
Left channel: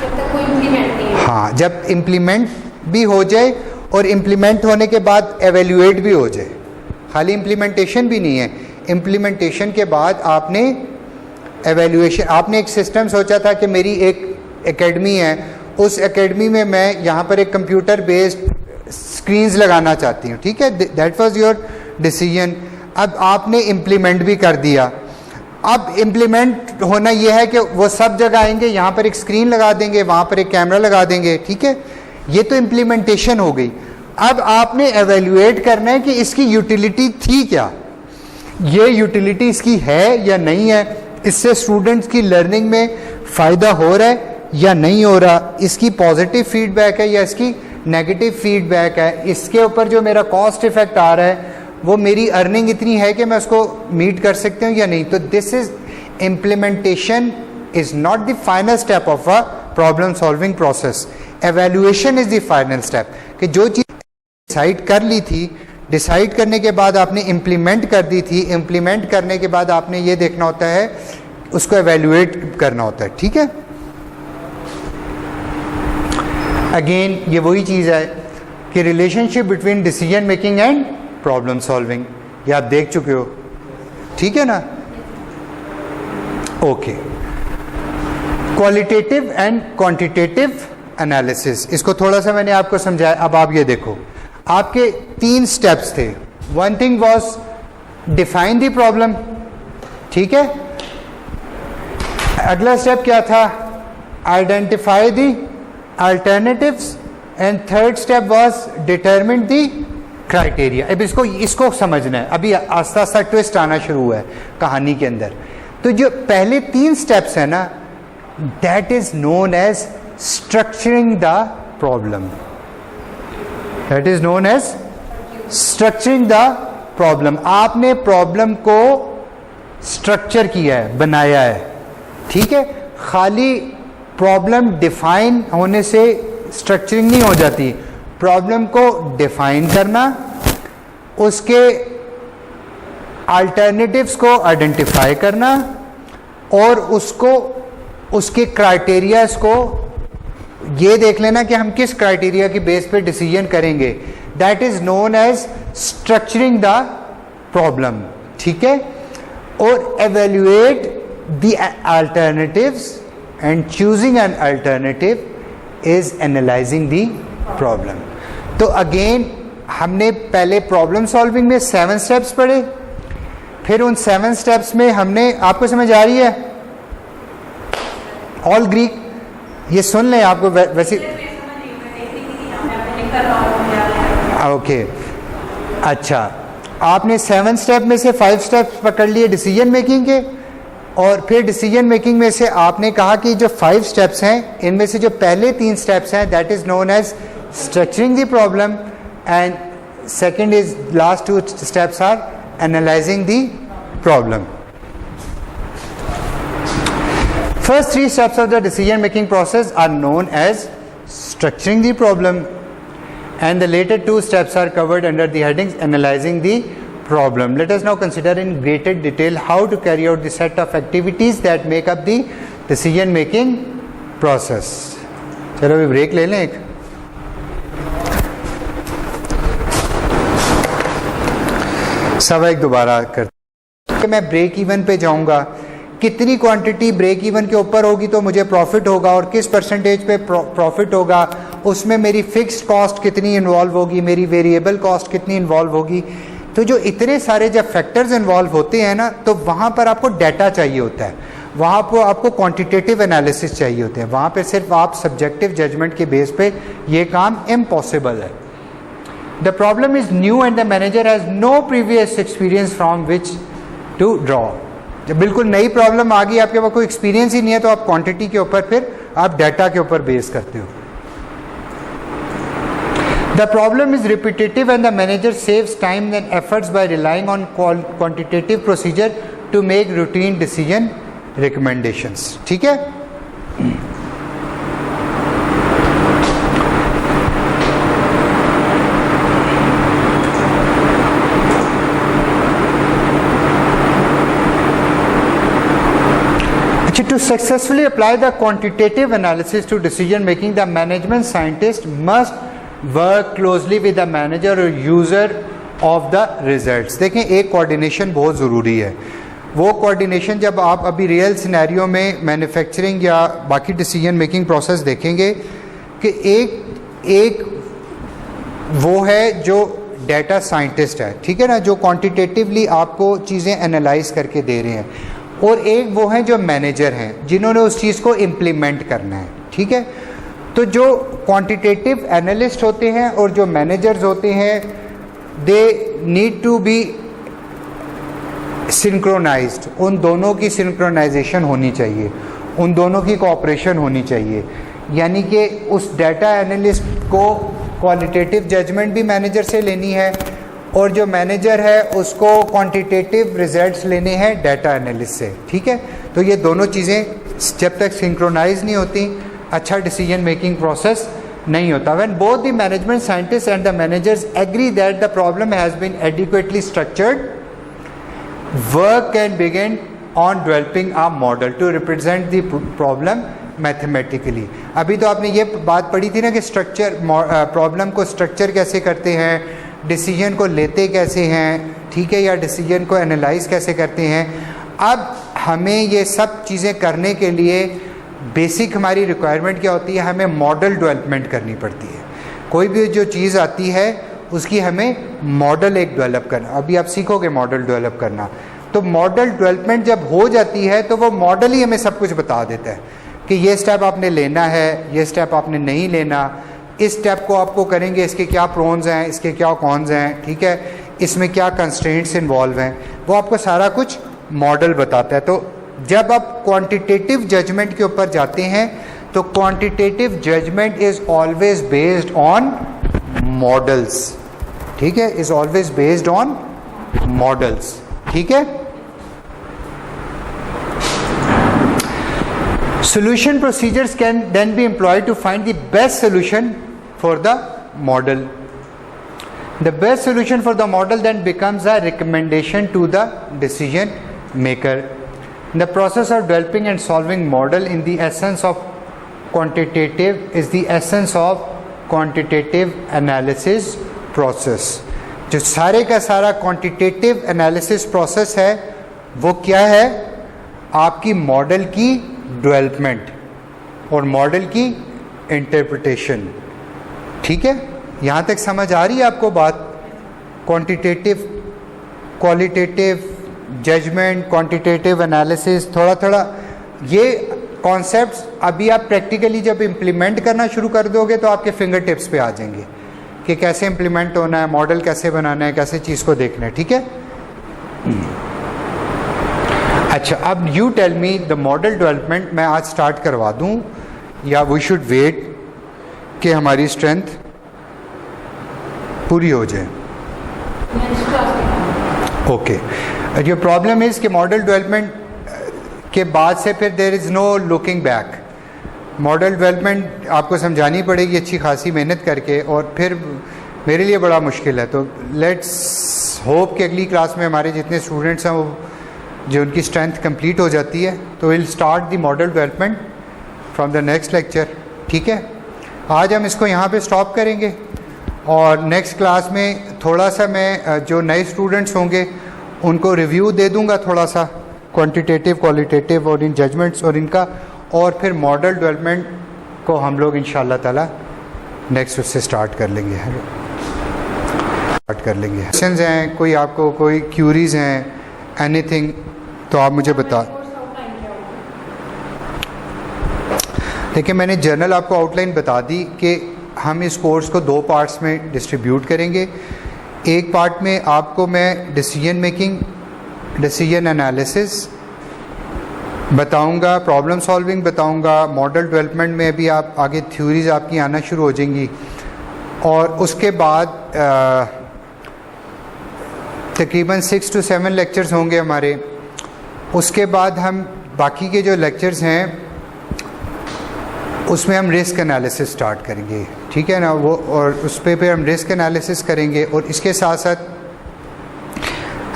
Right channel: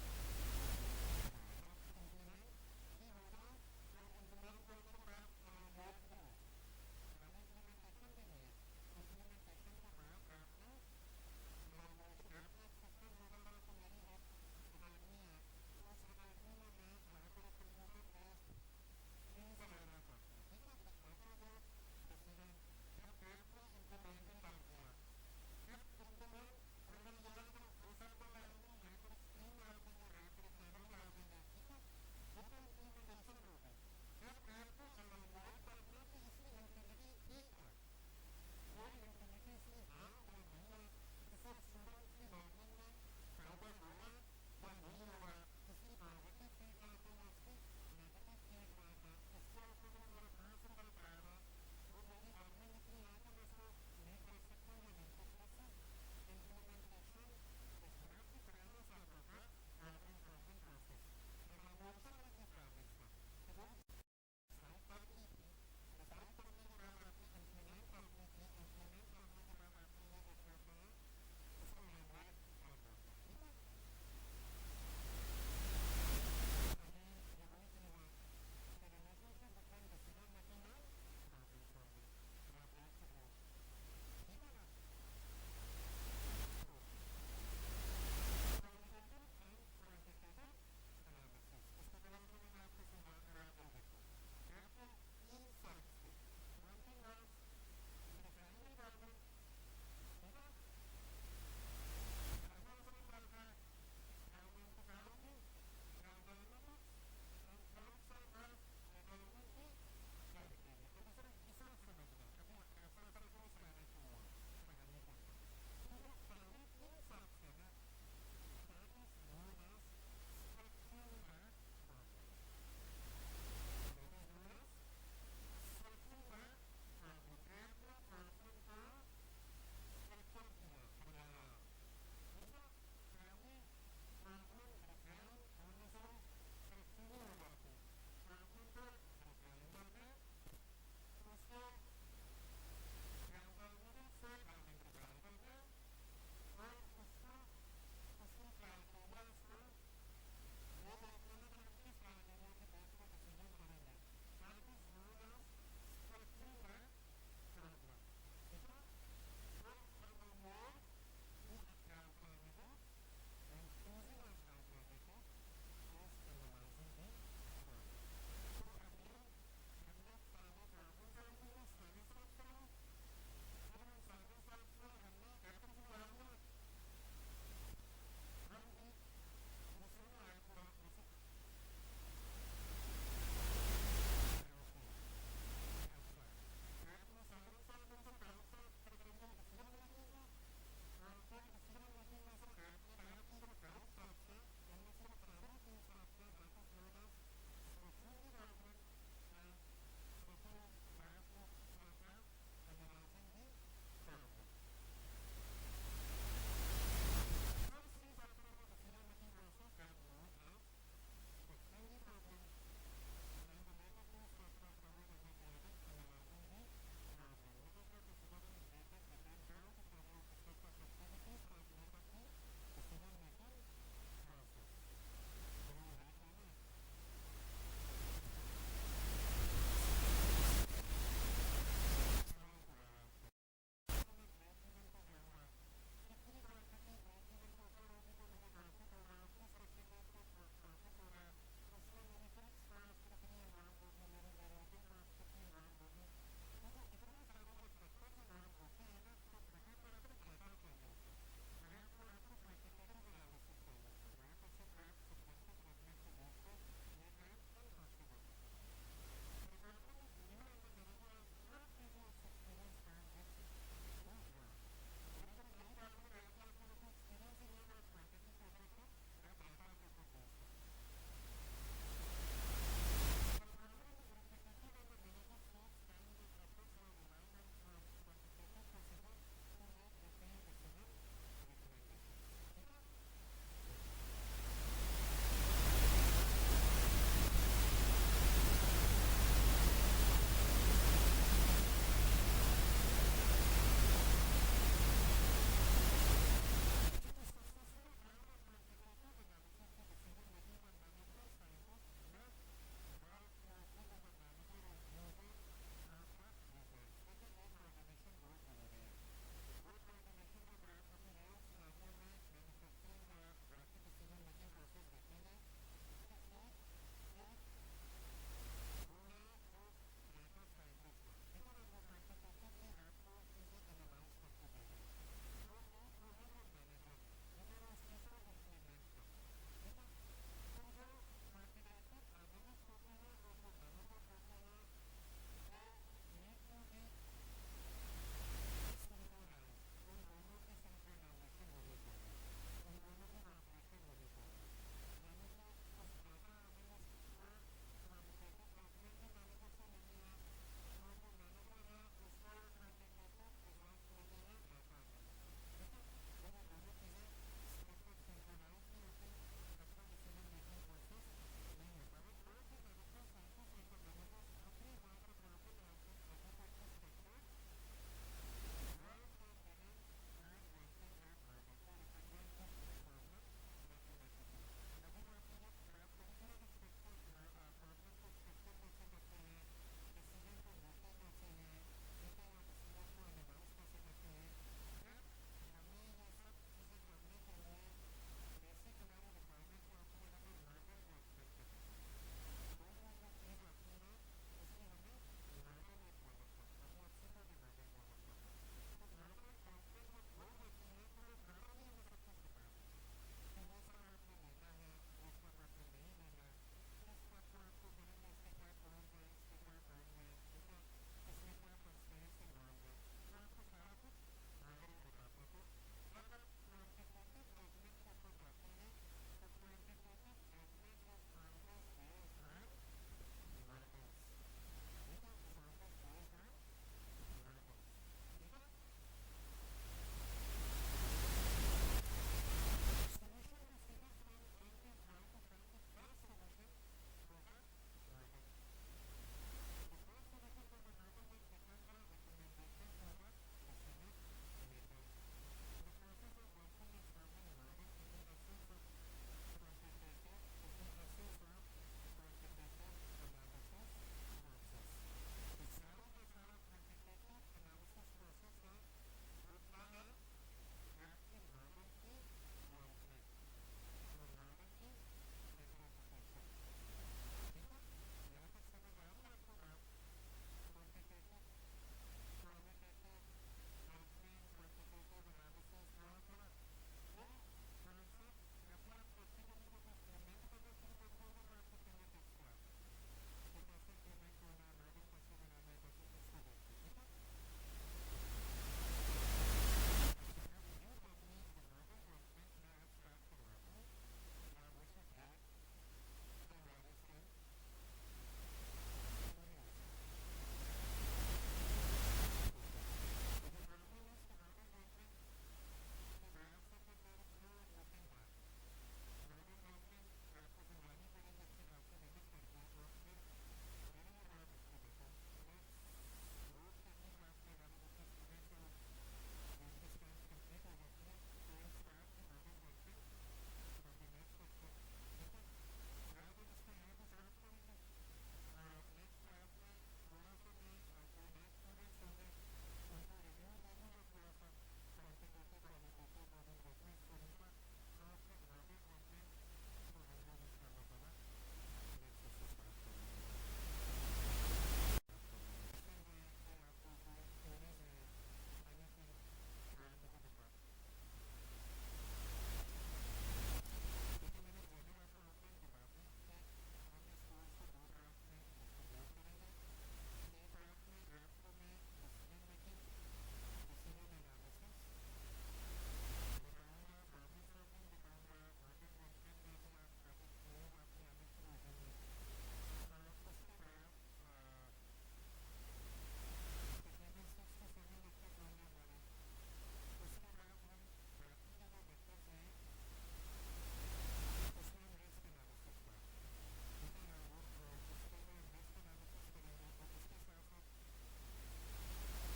जब तक कोई इम्प्लीमेंट नहीं हो. हाँ, जब इम्प्लीमेंट भी हो जाए और इम्प्लीमेंट होने के बाद एवेल्यूएट भी हो जाए. खाली इम्प्लीमेंटेशन भी नहीं है, इम्प्लीमेंटेशन के बाद आपने एवेल्यूएशन. आपने एक सिस्टम सोचा था कि मेरी एक एकेडमी है, उस एकेडमी में मैं यहाँ पर एक कंप्यूटर बेस्ड स्क्रीन्स लगाना चाहती हूँ. ठीक है, दैट वाज योर डिसीजन. अब आपने इम्प्लीमेंट भी कर दिया. अब इम्प्लीमेंट होना यह है कि वो सब जगह आएंगे, यहाँ पर एक स्क्रीन लगा देंगे, वहाँ पर एक कैमरा लगा देंगे. ठीक है, ये तो इम्प्लीमेंटेशन हो गई. अब आपने एवेल्यूएट करना है कि इसकी यूटिलिटी थी क्या, ये यूटिलिटी इसकी है या नहीं है, इससे स्टूडेंट्स की लर्निंग में फ़ायदा हो रहा है या नहीं हो रहा, इसकी पॉजिटिव फीडबैक है या इसकी नेगेटिव फीडबैक है, इसके ऊपर जो मेरा कॉस्ट इफेक्ट आ रहा है वो मेरी अर्निंग इतनी है कि मैं उसको मीट कर सकती हूँ या नहीं. तो this is implementation is not the final step of a problem solving process. Evaluation is the final step कि जो चीज़ डिसाइड कर ली थी, डिसाइड करने के बाद आपने इम्प्लीमेंट कर दी थी, इम्प्लीमेंट करने के बाद आपने ये देखना होता है, उसको एवेल्यूएट करना होता है. ठीक है, अगेन ये वही चीज़ है कि relationship between decision making and problem solving, ये आप देख चुके हो. ठीक है ना? Okay. Qualitative and quantitative analysis, इसको थोड़ा सा मैंने आपको समझाया. अब आप ये देखो, आपके 3 स्टेप्स थे. One thing was define the problem. ठीक है, अगला स्टेप क्या था? Identify the alternatives, and third step was determine the criteria. अब इसको समझना है. अभी आस्ता आस्ता ट्विस्ट आना शुरू हुआ है कहानी के अंदर. तो जो पहले 3 स्टेप्स है ना, that is known as structuring the problem. That is known as structuring the problem. आपने प्रॉब्लम को स्ट्रक्चर किया है, बनाया है. ठीक है, खाली प्रॉब्लम डिफाइन होने से स्ट्रक्चरिंग नहीं हो जाती. प्रॉब्लम को डिफाइन करना, उसके अल्टरनेटिव्स को आइडेंटिफाई करना और उसको उसके क्राइटेरियाज को ये देख लेना कि हम किस क्राइटेरिया की बेस पे डिसीजन करेंगे. That is known as structuring the problem. ठीक है, और evaluate the alternatives and choosing an alternative is analyzing the problem. तो अगेन हमने पहले प्रॉब्लम सॉल्विंग में 7 स्टेप्स पढ़े, फिर उन 7 स्टेप्स में हमने, आपको समझ आ रही है? ऑल ग्रीक, ये सुन लें आपको वैसे. ओके, अच्छा, आपने 7 स्टेप में से 5 स्टेप्स पकड़ लिए डिसीजन मेकिंग के, और फिर डिसीजन मेकिंग में से आपने कहा कि जो 5 स्टेप्स हैं, इनमें से जो पहले 3 स्टेप्स हैं that is known as structuring the problem, and second is last 2 steps are analysing the problem. First 3 steps of the decision making process are known as structuring the problem, and the latter 2 steps are covered under the headings analysing the problem. Let us now consider in greater detail how to carry out the set of activities that make up the decision making process. चलो अभी break ले लें एक. सवा एक दोबारा करते कि मैं ब्रेक इवन पे जाऊंगा, कितनी क्वांटिटी ब्रेक इवन के ऊपर होगी तो मुझे प्रॉफिट होगा, और किस परसेंटेज पे प्रॉफिट होगा, उसमें मेरी फिक्स्ड कॉस्ट कितनी इन्वॉल्व होगी, मेरी वेरिएबल कॉस्ट कितनी इन्वॉल्व होगी. तो जो इतने सारे जब फैक्टर्स इन्वॉल्व होते हैं ना, तो वहाँ पर आपको डाटा चाहिए होता है, वहाँ पर आपको क्वांटिटेटिव एनालिसिस चाहिए होते हैं, वहाँ पे सिर्फ आप सब्जेक्टिव जजमेंट के बेस पे ये काम इम्पॉसिबल है. The problem is new and the manager has no previous experience from which to draw. जब बिल्कुल नई प्रॉब्लम आ गई, आपके पास कोई एक्सपीरियंस ही नहीं है, तो आप क्वांटिटी के ऊपर फिर आप डाटा के ऊपर बेस करते हो. The problem is repetitive and the manager saves time and efforts by relying on quantitative procedure to make routine decision recommendations. ठीक है? To successfully apply the quantitative analysis to decision making, the management scientist must work closely with the manager or user of the results. देखें, एक coordination बहुत ज़रूरी है. वो coordination जब आप अभी रियल सिनेरियो में मैन्युफैक्चरिंग या बाकी डिसीजन मेकिंग प्रोसेस देखेंगे कि एक वो है जो डाटा साइंटिस्ट है, ठीक है ना, जो क्वांटिटेटिवली आपको चीज़ें एनालाइज करके दे रहे हैं, और एक वो हैं जो मैनेजर हैं जिन्होंने उस चीज़ को इम्प्लीमेंट करना है. ठीक है? तो जो क्वांटिटेटिव एनालिस्ट होते हैं और जो मैनेजर्स होते हैं, they need to be synchronised. उन दोनों की सिंक्रोनाइजेशन होनी चाहिए, उन दोनों की कोऑपरेशन होनी चाहिए. यानी कि उस डाटा एनालिस्ट को क्वालिटेटिव जजमेंट भी मैनेजर से लेनी है, और जो मैनेजर है उसको क्वांटिटेटिव रिजल्ट्स लेने हैं डाटा एनालिस्ट से. ठीक है? तो ये दोनों चीज़ें जब तक सिंक्रोनाइज नहीं होती, अच्छा डिसीजन मेकिंग प्रोसेस नहीं होता. When both the management scientist and the managers agree that the problem has been adequately structured, work can begin on developing a model to represent the problem mathematically. अभी तो आपने ये बात पढ़ी थी ना कि स्ट्रक्चर, प्रॉब्लम को स्ट्रक्चर कैसे करते हैं, डिसीजन को लेते कैसे हैं, ठीक है, या डिसीजन को एनालाइज कैसे करते हैं. अब हमें ये सब चीज़ें करने के लिए बेसिक हमारी रिक्वायरमेंट क्या होती है? हमें मॉडल डेवलपमेंट करनी पड़ती है. कोई भी जो चीज़ आती है उसकी हमें मॉडल एक डेवलप करना. अभी आप सीखोगे मॉडल डेवलप करना, तो मॉडल डेवलपमेंट जब हो जाती है तो वो मॉडल ही हमें सब कुछ बता देता है कि ये स्टेप आपने लेना है, ये स्टेप आपने नहीं लेना, इस स्टेप को आपको करेंगे, इसके क्या प्रोन्स हैं, इसके क्या कॉन्स हैं, ठीक है, इसमें क्या कंस्ट्रेंट्स इन्वॉल्व हैं, वो आपको सारा कुछ मॉडल बताता है. तो जब आप क्वांटिटेटिव जजमेंट के ऊपर जाते हैं तो quantitative judgement is always based on models. ठीक है? Is always based on models. ठीक है? Solution procedures can then be employed to find the best solution for the model. The best solution for the model then becomes a recommendation to the decision maker. The process of developing and solving model in the essence of quantitative is the essence of quantitative analysis process. जो सारे का सारा quantitative analysis process है वो क्या है? आपकी model की डेवलपमेंट और मॉडल की इंटरप्रिटेशन. ठीक है? यहाँ तक समझ आ रही है आपको बात? Quantitative, qualitative judgement, quantitative analysis, थोड़ा थोड़ा ये कॉन्सेप्ट्स अभी आप प्रैक्टिकली जब इम्प्लीमेंट करना शुरू कर दोगे तो आपके फिंगर टिप्स पे आ जाएंगे कि कैसे इम्प्लीमेंट होना है, मॉडल कैसे बनाना है, कैसे चीज़ को देखना है. ठीक है? अच्छा, अब you tell me the model development मैं आज स्टार्ट करवा दूं या वी शुड वेट कि हमारी स्ट्रेंथ पूरी हो जाए? ओके. जो प्रॉब्लम इज़ कि मॉडल डेवलपमेंट के बाद से फिर there is no looking back. Model development आपको समझानी पड़ेगी अच्छी खासी मेहनत करके, और फिर मेरे लिए बड़ा मुश्किल है. तो लेट्स होप कि अगली क्लास में हमारे जितने स्टूडेंट्स हैं वो जो उनकी स्ट्रेंथ कंप्लीट हो जाती है, तो will start the model development from the next lecture. ठीक है? आज हम इसको यहाँ पे स्टॉप करेंगे और नेक्स्ट क्लास में थोड़ा सा मैं जो नए स्टूडेंट्स होंगे उनको रिव्यू दे दूँगा थोड़ा सा क्वांटिटेटिव, क्वालिटेटिव और इन जजमेंट्स और इनका, और फिर मॉडल डेवलपमेंट को हम लोग इंशाअल्लाह ताला नेक्स्ट उससे स्टार्ट कर लेंगे. स्टार्ट कर लेंगे। क्वेश्चंस हैं, कोई आपको कोई क्यूरीज हैं, एनीथिंग, तो आप मुझे बता। देखिए, मैंने जनरल आपको आउटलाइन बता दी कि हम इस कोर्स को 2 पार्ट्स में डिस्ट्रीब्यूट करेंगे। एक पार्ट में आपको मैं डिसीजन मेकिंग, डिसीजन एनालिसिस बताऊंगा, प्रॉब्लम सॉल्विंग बताऊंगा, मॉडल डेवलपमेंट में भी आप आगे थ्योरीज आपकी आना शुरू हो जाएंगी। और उसके बाद तकरीबन 6 to 7 लेक्चर्स होंगे हमारे। उसके बाद हम बाकी के जो लेक्चर्स हैं उसमें हम रिस्क एनालिसिस स्टार्ट करेंगे, ठीक है ना वो, और उस पे हम रिस्क एनालिसिस करेंगे। और इसके साथ साथ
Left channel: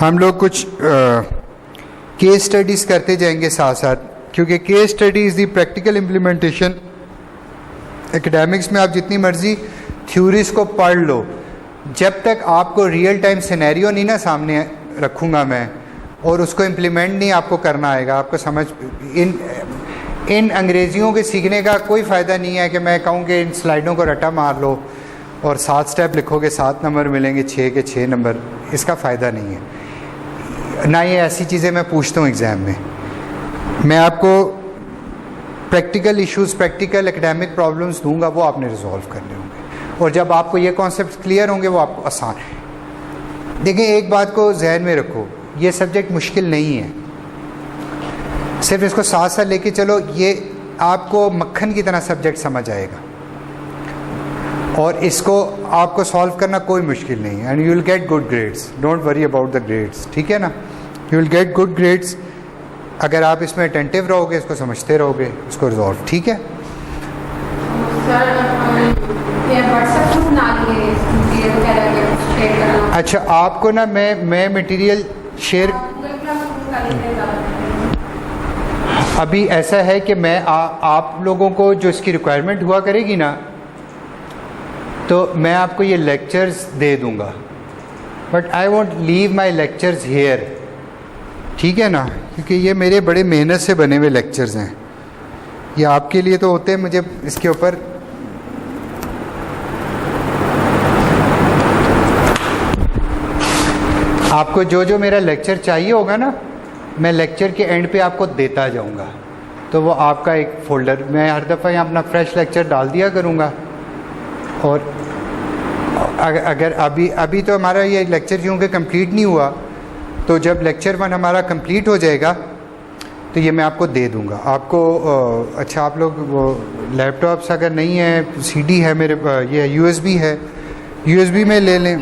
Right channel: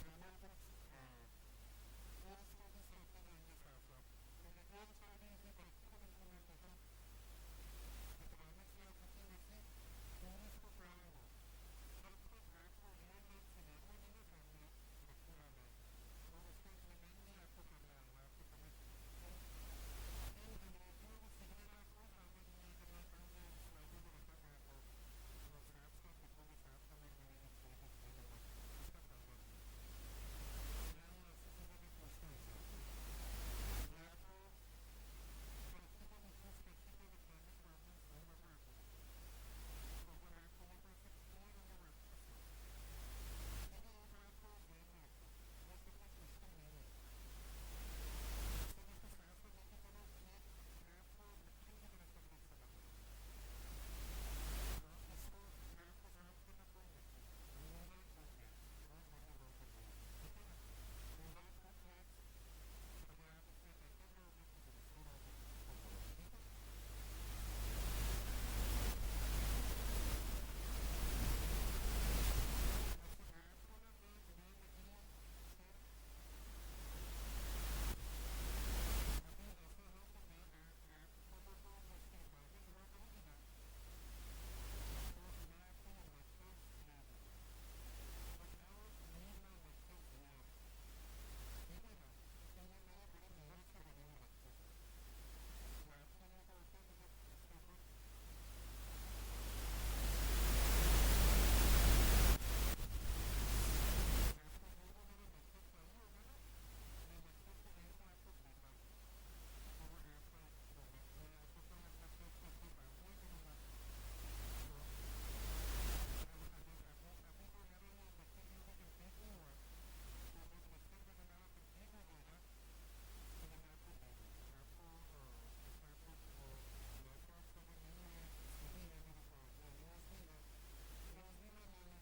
हम लोग कुछ केस स्टडीज़ करते जाएंगे साथ साथ, क्योंकि case study is the practical implementation. Academics में आप जितनी मर्ज़ी थ्योरीज को पढ़ लो, जब तक आपको रियल टाइम सिनेरियो नहीं ना सामने रखूँगा मैं और उसको इम्प्लीमेंट नहीं आपको करना आएगा, आपको समझ इन अंग्रेज़ियों के सीखने का कोई फ़ायदा नहीं है कि मैं कहूँ कि इन स्लाइडों को रट्टा मार लो और 7 स्टेप लिखोगे 7 नंबर मिलेंगे, 6 के 6 नंबर, इसका फ़ायदा नहीं है ना। ये ऐसी चीज़ें मैं पूछता हूँ एग्ज़ाम में। मैं आपको practical issues, practical academic problems दूंगा, वो आपने रिजॉल्व करने होंगे। और जब आपको ये कॉन्सेप्ट क्लियर होंगे वो आपको आसान है। देखिए, एक बात को जहन में रखो, ये सब्जेक्ट मुश्किल नहीं है, सिर्फ इसको साथ साथ लेके चलो, ये आपको मक्खन की तरह सब्जेक्ट समझ आएगा और इसको आपको सॉल्व करना कोई मुश्किल नहीं है। And you will get good grades, don't worry about the grades, ठीक है ना। You will get good grades अगर आप इसमें अटेंटिव रहोगे, इसको समझते रहोगे, इसको रिजॉल्व, ठीक है। अच्छा, आपको ना मैं मटेरियल शेयर, अभी ऐसा है कि मैं आप लोगों को जो इसकी रिक्वायरमेंट हुआ करेगी ना, तो मैं आपको ये लेक्चर्स दे दूंगा, but I want leave my lectures here, ठीक है ना, क्योंकि ये मेरे बड़े मेहनत से बने हुए लेक्चर्स हैं। ये आपके लिए तो होते हैं, मुझे इसके ऊपर आपको जो जो मेरा लेक्चर चाहिए होगा ना, मैं लेक्चर के एंड पे आपको देता जाऊंगा, तो वो आपका एक फ़ोल्डर, मैं हर दफ़ा यहाँ अपना फ्रेश लेक्चर डाल दिया करूँगा। और अगर अभी तो हमारा ये लेक्चर क्योंकि कंप्लीट नहीं हुआ, तो जब लेक्चर 1 हमारा कंप्लीट हो जाएगा तो ये मैं आपको दे दूँगा आपको। अच्छा, आप लोग वो लैपटॉप्स अगर नहीं है, CD है मेरे, ये USB है, USB में ले लें।